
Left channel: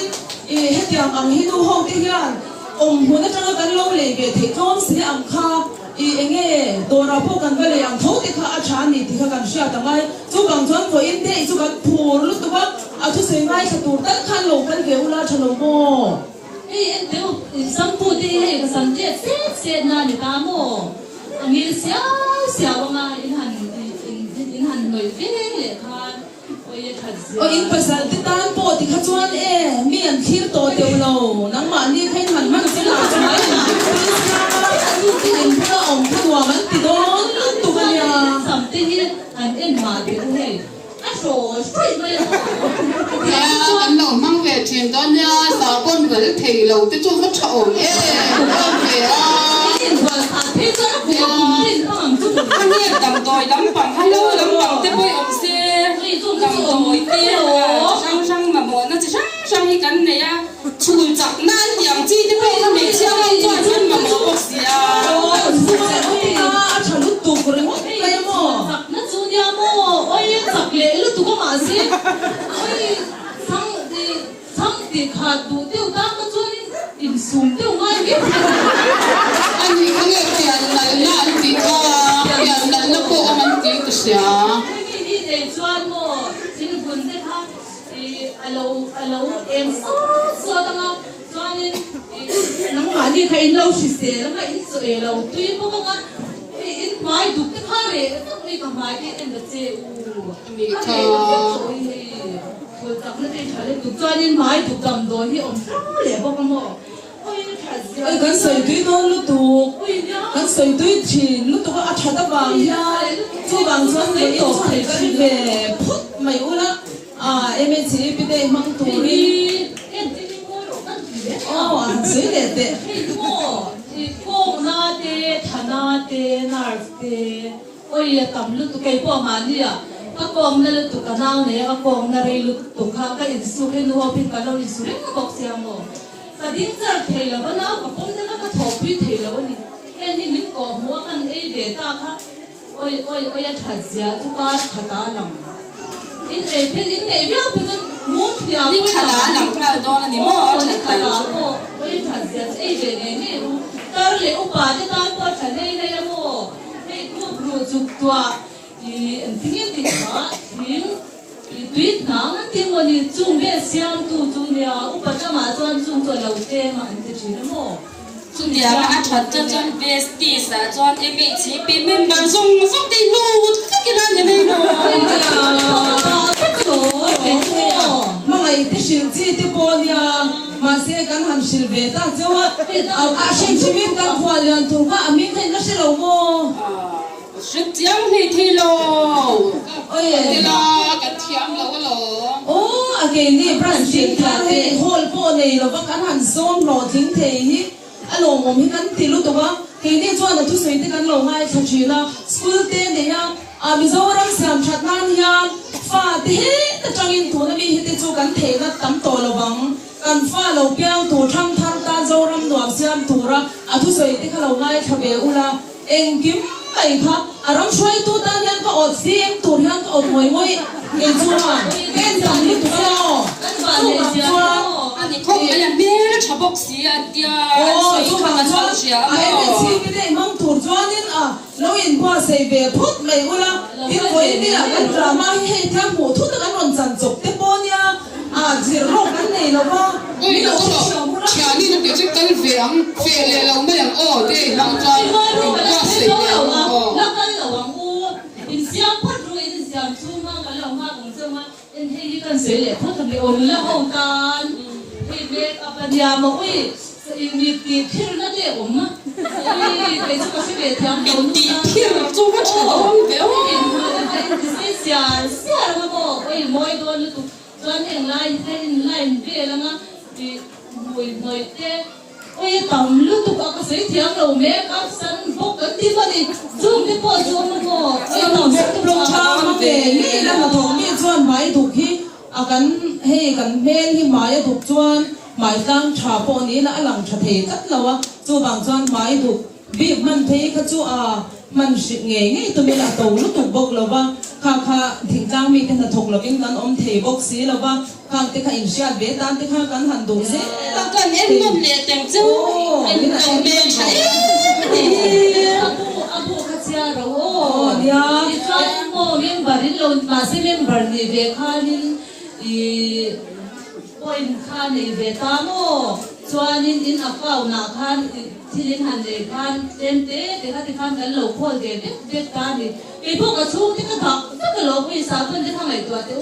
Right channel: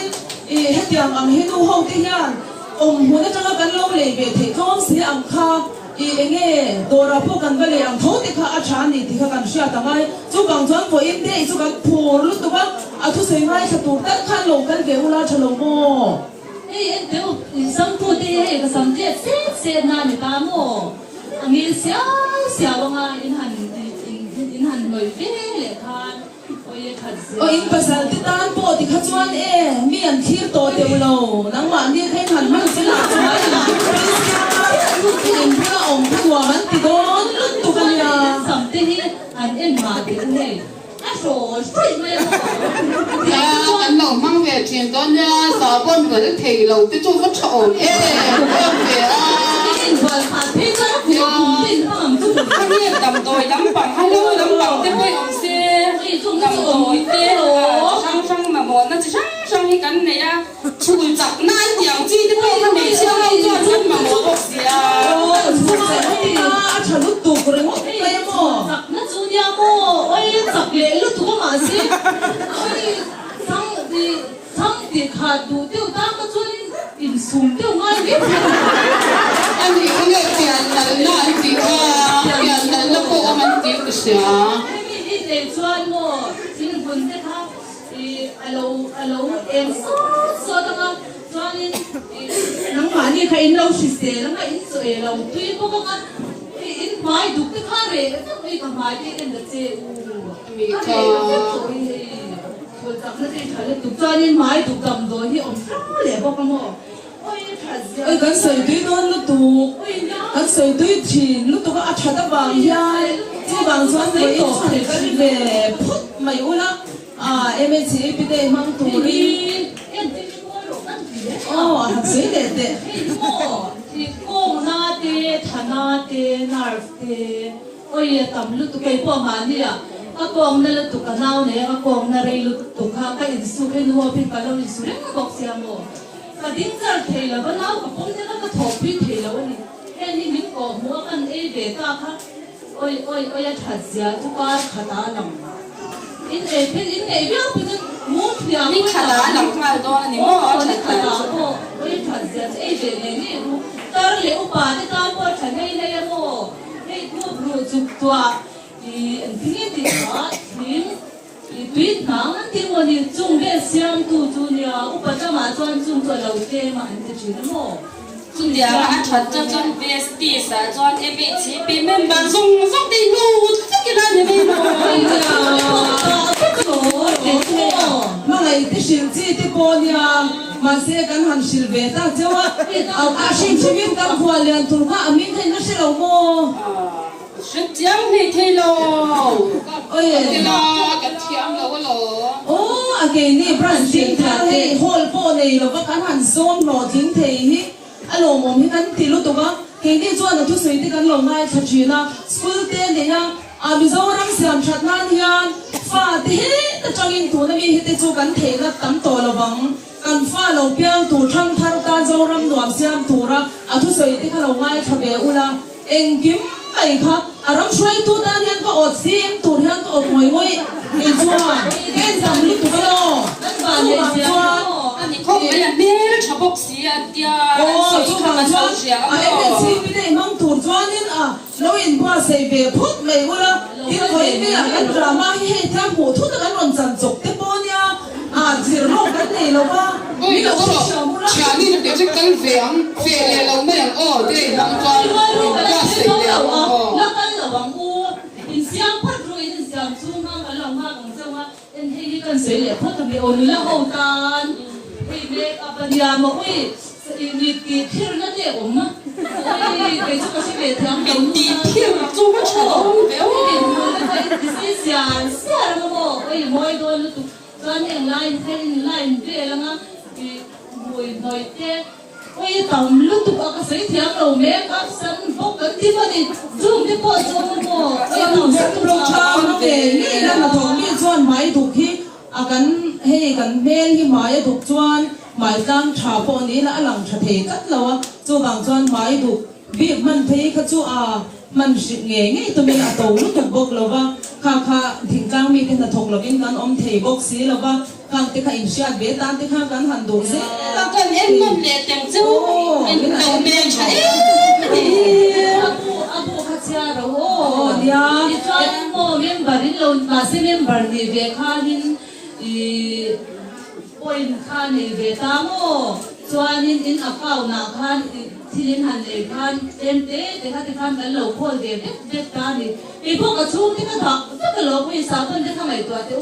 he tiang ang hi nu ho ti yan hu na tanga kan lo le ge the kom se ang kha enge dora po kan vale ang tho ti kha a tha ni ti kha kan sha ta mai chu bang chuan ko in de chu kan phur lu tu ba a thu se mai sa tu ta khan lo kan ge ula thalo mo en teu sam pu ti he ka sam je se na ni ta mo mi sia nga in han in in pasal ti tan po ti khachuan mi an thir to te lo nang ma ni khen han man sila chulai lu ti in pra ong tua man ti don lu tu ka ya sam te hi an en ma te he a so sai me ya anh nấu mang về tiền đó nha sao con người thì lâu thì chúng nó trộn nhé in qua phan thế chứ vì cùng tin không tu anh em cầm đồi đấm bằng hello đấm bằng tên bôi ông xe cầm đồi tên sang mà bọn nó chỉ sang cái cắn này à chui chặt nan dạng chi thế bôi nó bị sao không cho chân mà một bọc xìa chả lúc tu của nó cái mò nó chú nhà mò ôi chặt lệ lúc tu có mà xí ôi sang thì khát đủ tiêu ta có chú in sum tiêu ngay biết anh thì cái tiền là thì tiền là nó có mình tiền của xia đi để cho mò xin buồn thế ha thì alo em số đó cho nên nắng mà đi cái lâu xí xí nắng mà in số lâu tuy có cái in mai đủ cái ha này cái cái mai cái em được chơi mi cái nó đi trả lời cho nên mai đủ cầm rồi thì ông rất là bao con mò ôi cái sợi túi nó lúc tụ cái sợi túi thì lúc tụ có ăn chả đắp vàng ya chứ vàng cho nên tổ thì cái về phút mày u lắm em ấy chỉ biết để mang túi em chỉ mua đồ ăn gì đấy sấy đẹp đẹp thì cô na tê thana tê narf tê ôi tầm lúc tụ cái bao mà đi à các con na lúc tụ cái nào này các con na đây lúc tụ cái insulin hoa pin cái nào insulin các bác sĩ mà cái điểm giờ thầy là bắt đầu cũng thấy nó thổ bị thầy là vậy nên thì mình có mua ăn ấy về ta khác ôi thật ra chúng ta khá lắm in này biết bây giờ muốn nhà đi khá lắm mà đó là niệm mò khá lắm ôi thật ra ấy về này nè ta lấy upa thì ta có thể này mò cái cô vừa chụp tua thì anh thấy thì đó thì tuyết nắng thì mà đi chung biết xem tu nhà upa cho mà cho chung tu đầu tiên mà anh thấy chuyện đó chung dia mà chuẩn cho chung best sa chung em bị chỉ bị member chung đi lu cái đó nhà đi mà ngày thì xin chỉ thì bỏ nhà mà sẽ cần hàng xin về ta cho xin chỉ biết ta qua liền tu cả mình thấy nó sẽ lâu mò rất chăm thì thế lo ôi cái thiam là cái lỗ cái này brand chính thế hol po này là các hàng zone rồi chính thế hi alo mồm hi kan ti lu to ba cái này cho là tu sui thì kan lo ngay cho chuyện là school tên này ha Mizoram Siam Chatnan ya fa ti ta changin tu na mi hite chu kan the na tam to lo bang kan fa lo piao tu tham than ka zoram nuam siam tu ra athu soi ti kha lo ngai thabe ula eng kim pai kha aram shoi tu ta hian ko ot sim tu hian ko ot moi moi e chuan en dam ni tu lo anh không phải là mẹ nó chọc bốc xí à tia chu ma chuan em si pi dei mam tu chuan in lo in qua sei ve phut mai ula ti koi ni a drama hi he tham hu thu ta kan ron chan chok te po nia zir lo kan nei lo ba ôi nó có lỗ chả đi được để cho cái về lề lâu mấy lần đây làm con ra sấy lề nó vẫn là vắng u in xiang phát rồi in xiang chu ma cái lòng maของเจ้ามาin he kan sấy lệ phut kan ol la hong tan he make up ya ma oi mi ti thil na de om ma cái chỗ cái về thang mình đi theo chung có chả đâu béo cái xiang xiang ma bo oi moi do lu tu con en line về là nga thì mùi nói thế ôi tầm lúc tụi các sĩ thiam đầu mẹ các sân bốc cấn tí mà đi zoom đi qua zoom nó ôi tầm sân bốc cha mà về nghĩ là mà thằng mi chuan máy thuộc hi cắn bên hi máy thuộc chuan máy tăng trà po ní là làm trà thể cắt lâu cho bằng chuan máy thuộc việc mình thấy các chú mình sự nghe tụi mình là tổ lúc thuộc bốc lâu ba kha thỉnh trang mi cái là thuộc là bên căn ông thầy bốc xí lâu ba càng tiếc hình xia bé tan tiếc ha càng hành động dễ cần em ngâm lệ tem chú em đầu bên cháy abu khachia ro dia chuan mo member lo ma se member ni ve khanin point khan ni ve ta mo chuan in account na khan thilin han le khan te khan kan lo khol de ta ni e bo ka chu ti ka ta lo pui sa kan de khan lai to te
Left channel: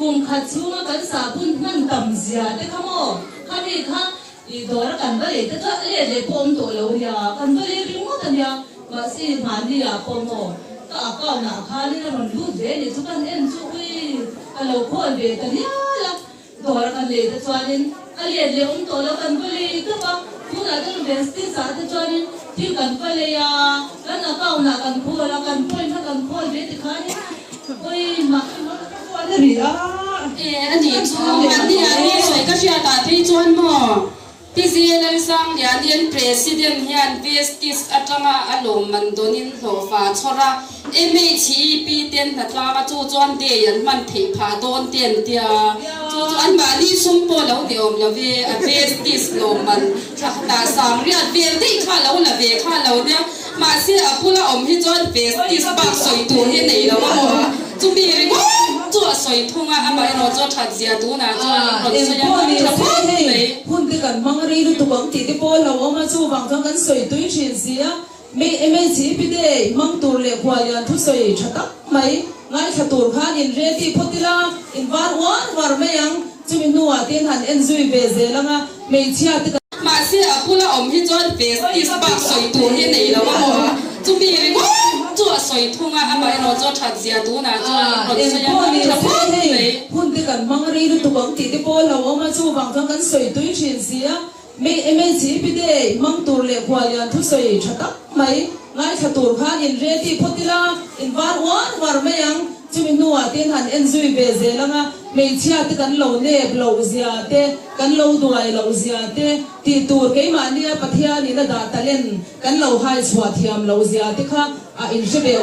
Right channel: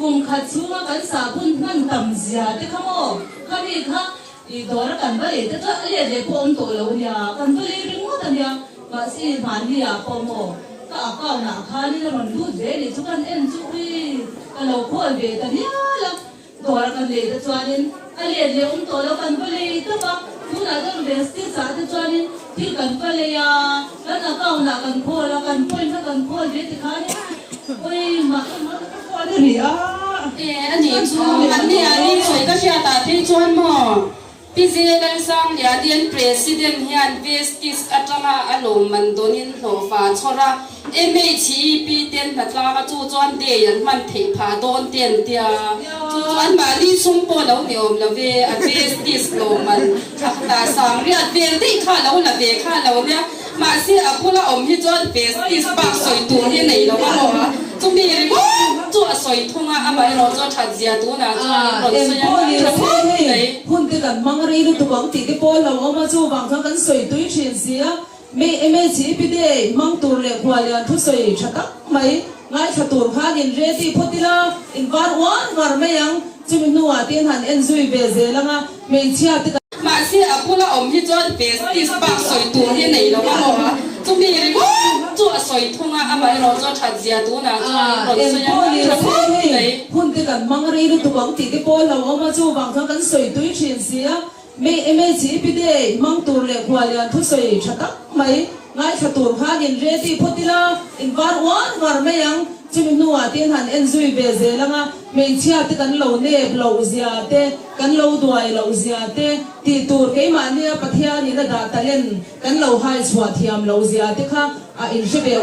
cùng khát chiu mà cái sa bun man tầm zia thế không ô khát đi khát đi đó là cần cái gì thế cho lấy để bom tổ lâu nha cần cái gì ring mất nha mà si man đi à bom ô cả cả na khát đi là mình lút về để chúng ta em chú ý cái lâu khô về cái gì là đó là cần lấy để cho nên lấy để bom tổ lâu cần cái gì thế mà chúng ta cần về tí sa để cho nên thì cần cái gì à cái nào cao nào cần khô là cần khô nó cần khô về thì khát đi ôi mà nó khô cái gì à anh đi chung anh đi soi cái gì ta thấy chuan mò PZ đang sang nhà điên president hiện Vestis atama alom man donin lo fa chora MHP ten na tla chu chuan de yan man thei pha don ten tia chu chuan ma li sum po lo de om la ve a Vestis lo man thakta sam ri a ve de kha lo la ve kha lo nya ma si a pula om hi chuan Vestis bak soi tu he nei lo ma chu mi ri go chu soi thunga ama ro chu that zia tu na chu ron so yang nei hun te kan mang ri tu bang ti te po lo ma chu bang kan soi tu chin sia me chi pi de mang tu le khwa lian thu soi thata mai ngai tha tur kha in re ti photila in war me yang chu mi nuwa tin han en zui ve ze langa me chia te mà si à pula om hi chuan Vestis bak soi tu he nei lo ma chu mi ri go chu soi thunga ama ro chu that zia tu na chu ron so yang nei hun te kan mang ri tu bang ti te po lo ma chu bang kan soi tu chin sia me chi pi de mang tu le khwa lian thu soi thata mai ngai tha tur kha in re ti photila in war me yang chu mi nuwa tin han en zui ve ze langa me chia te kan lo ne lo zia te kan lo duai lo zia te ti tur ke ma nia pathia ni la da talen kan lo hai chwa thiam lo zia te kha a in she be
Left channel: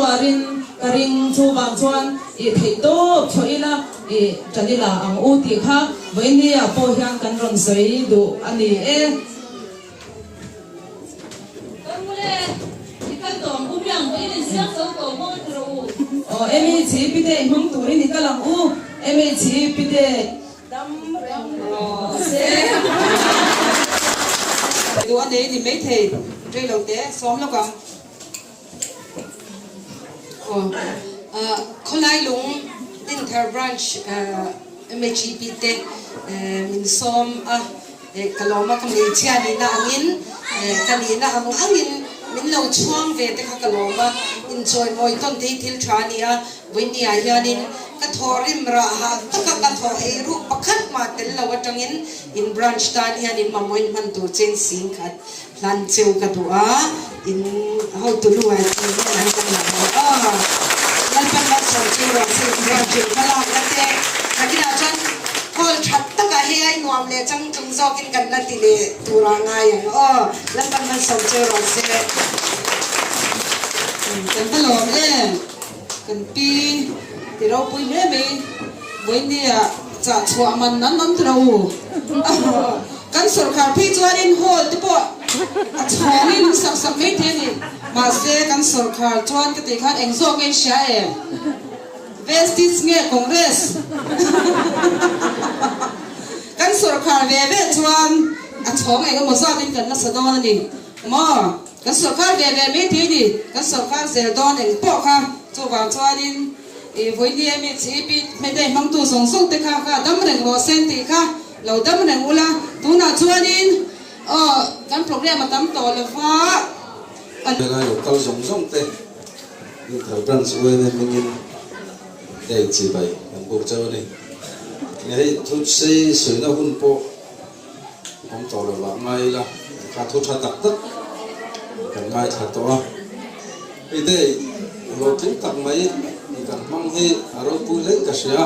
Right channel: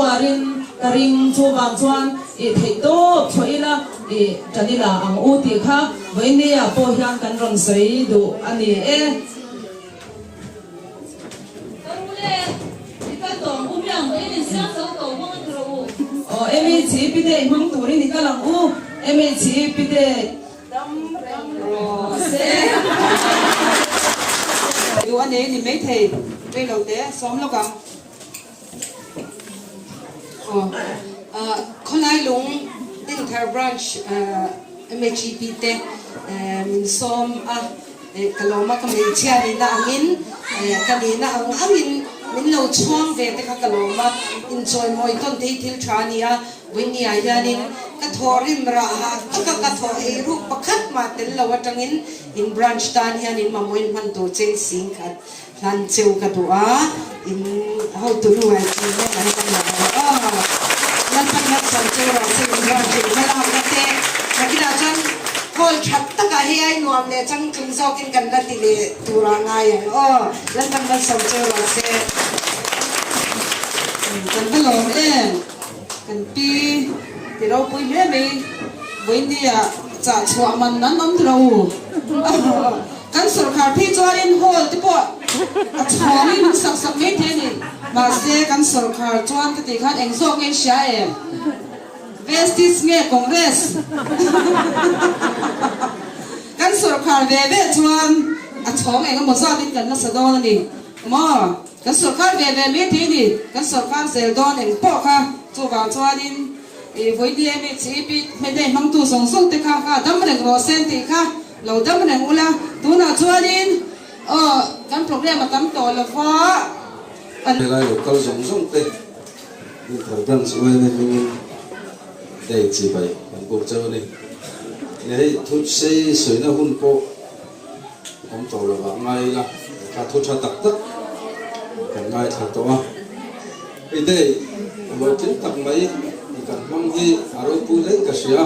warin ring chu bang chuan e thei to thoila e chanila ang u ti kha voinia po hyang kan ron sei du ani e em chỉ biết để mong tuổi đi cả lòng u em chỉ biết để đâm rose du anh ấy thì mấy thầy đây lâu té xóm nó còn con ai lùng Inter branch MHP te min xóm kaloma kamilchia ni na angin kalina ang angin min lo chuang ve te kha kaloma enjoy moi kon te thil thania winia yanin ka thorim ra ha ka thor e ru pakhat ma tel lo atangin in branch tan yanin mamoin man to chen sing khat lan cheu ka to a in how to lu ai ni na ko na lan pan na so cheu ra se branch mala ka te nakila chan kol that ta ka he ai nom le chang chung zo kin kan la ti le tura ngai lan pan na so cheu ra se kan ta lo kan pi ti ro pui me me boi ni a cha chua man nan nam tro kan sarkar phi chuan hol te po a chua ni lu sak me the ni ma se kan sarkar chuan ka ti khan eng zo ke sha Vestis nge Congress kan sarkar ve chuan a chong eng mo sa tin kan na sa do na ni ma kan sarkar ve me the ni kan sarkar zel don eng po kha chu ga chuan in e voi ni me chi pi me dai mang tu song song te kha ka dam reng bo sen ti kha lo dam reng ula tu na chuan in kan program tam to la fa an la lo kal zong zong te ni thau dan su ne mingin dei chi bai kan ko chau ni nei thu se sui na hun po tam to lo wa ngai la ka thu tha tak tak kan ngai tha to i dei lo tin tak mai ni kan mong hi aro pu le ka sia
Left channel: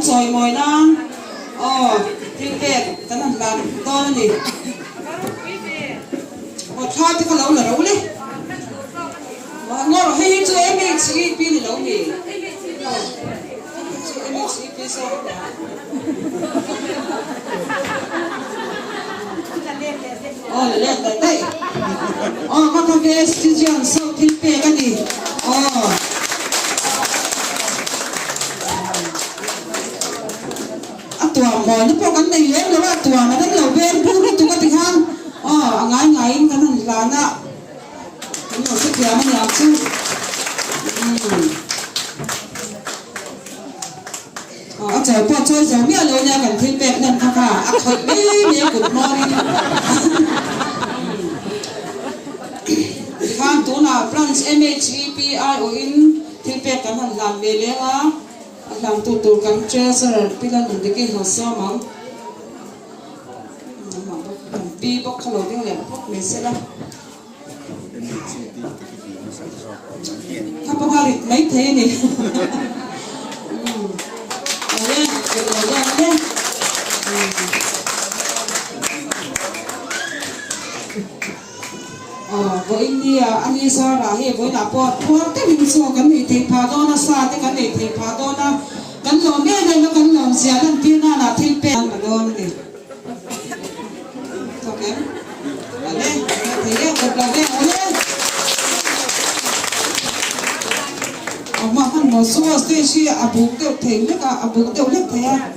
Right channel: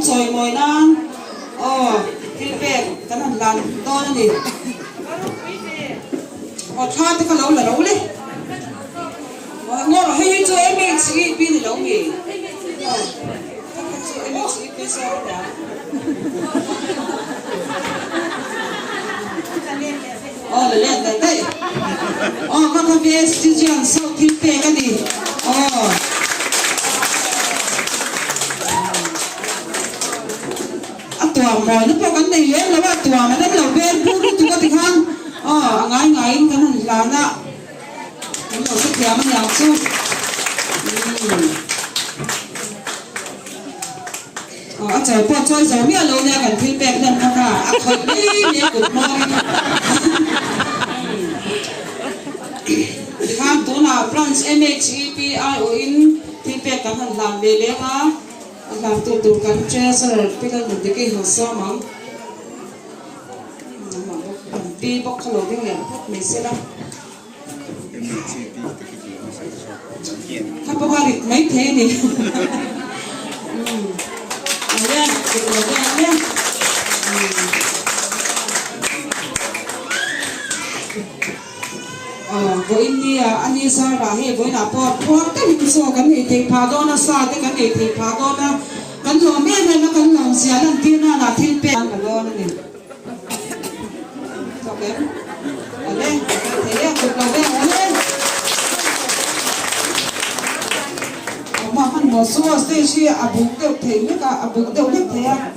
chọn soi mồi na thiên bè cái thằng làm to này tha thì có lâu là lâu đấy ngồi rồi hay cho em ấy chỉ pin thì lâu nghỉ em ấy chỉ pin sao đấy lên đây các thằng bé xin chào sau thiên bè cái gì tuang ba ni po kan nei le lo tuang ma dam lo ben pu tu ka ti hang ngai ngai kan han la na kan lo se ya ma ya chu a chai po choi za mi lo nya kan thil pek nem kha a khoi ni good morning hang tu na France MHEPIO in thil pek kan han lam le le nga làm tu kan treasure pilan de ki ho so ma pi bok khalo ding le me se la ka pa ri mai the ni ale ke lo ga ale với India anh ấy sao là hệ với là po cái mình số cái này thì phá đó nó xa cái này thì phá đó nó cái lòng nghe này nó cái lòng xé làm tiên là thiên bè cái đó này ok lên thế được rồi lên mà hắn nó xua xê xê bụng tiêu thế nữa cả bụng tiêu hết thế à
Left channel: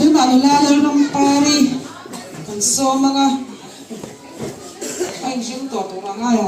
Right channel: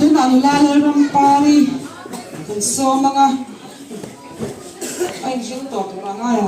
chúng ta là làm pari so mga anh chúng tôi cũng là ngay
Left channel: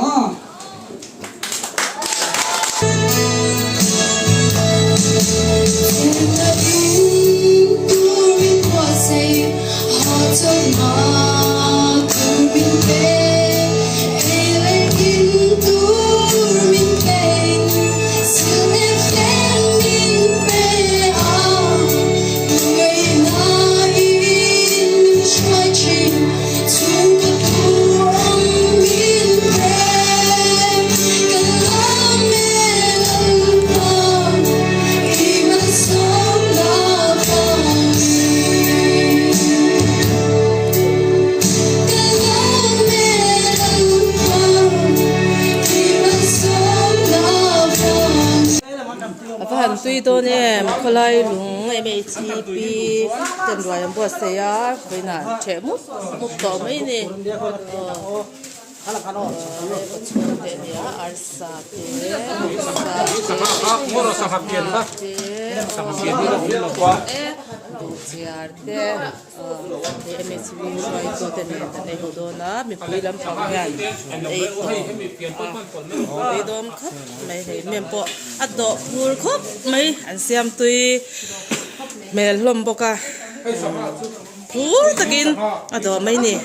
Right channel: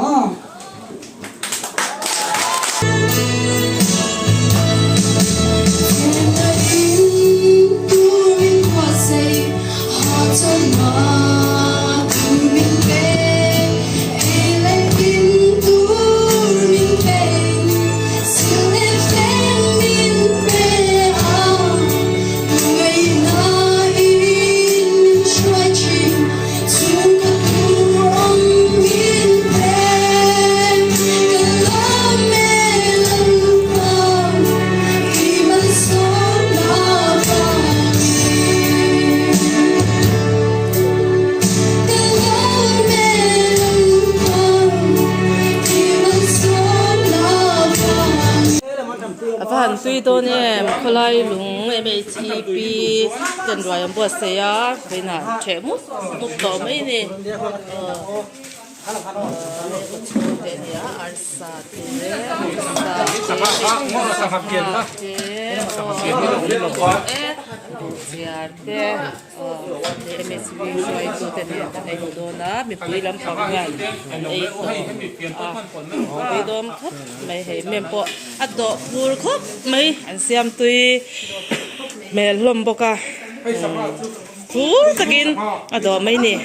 Hàn suy tôi nè có lại lúng em ấy chỉ bị chân rồi em bớt xe á vậy nè trẻ mút mút to mấy nè này có chơi thế này á ăn sa thế em ấy chỉ bị xoay tôi thế này tại hồ đô na mình bị làm phong nhảy ấy tôi bị đom khóc mấy hệ miền bộ ăn độ vui khóc mấy ăn xem tôi mẹ lom boka vui takin ăn độ mấy nè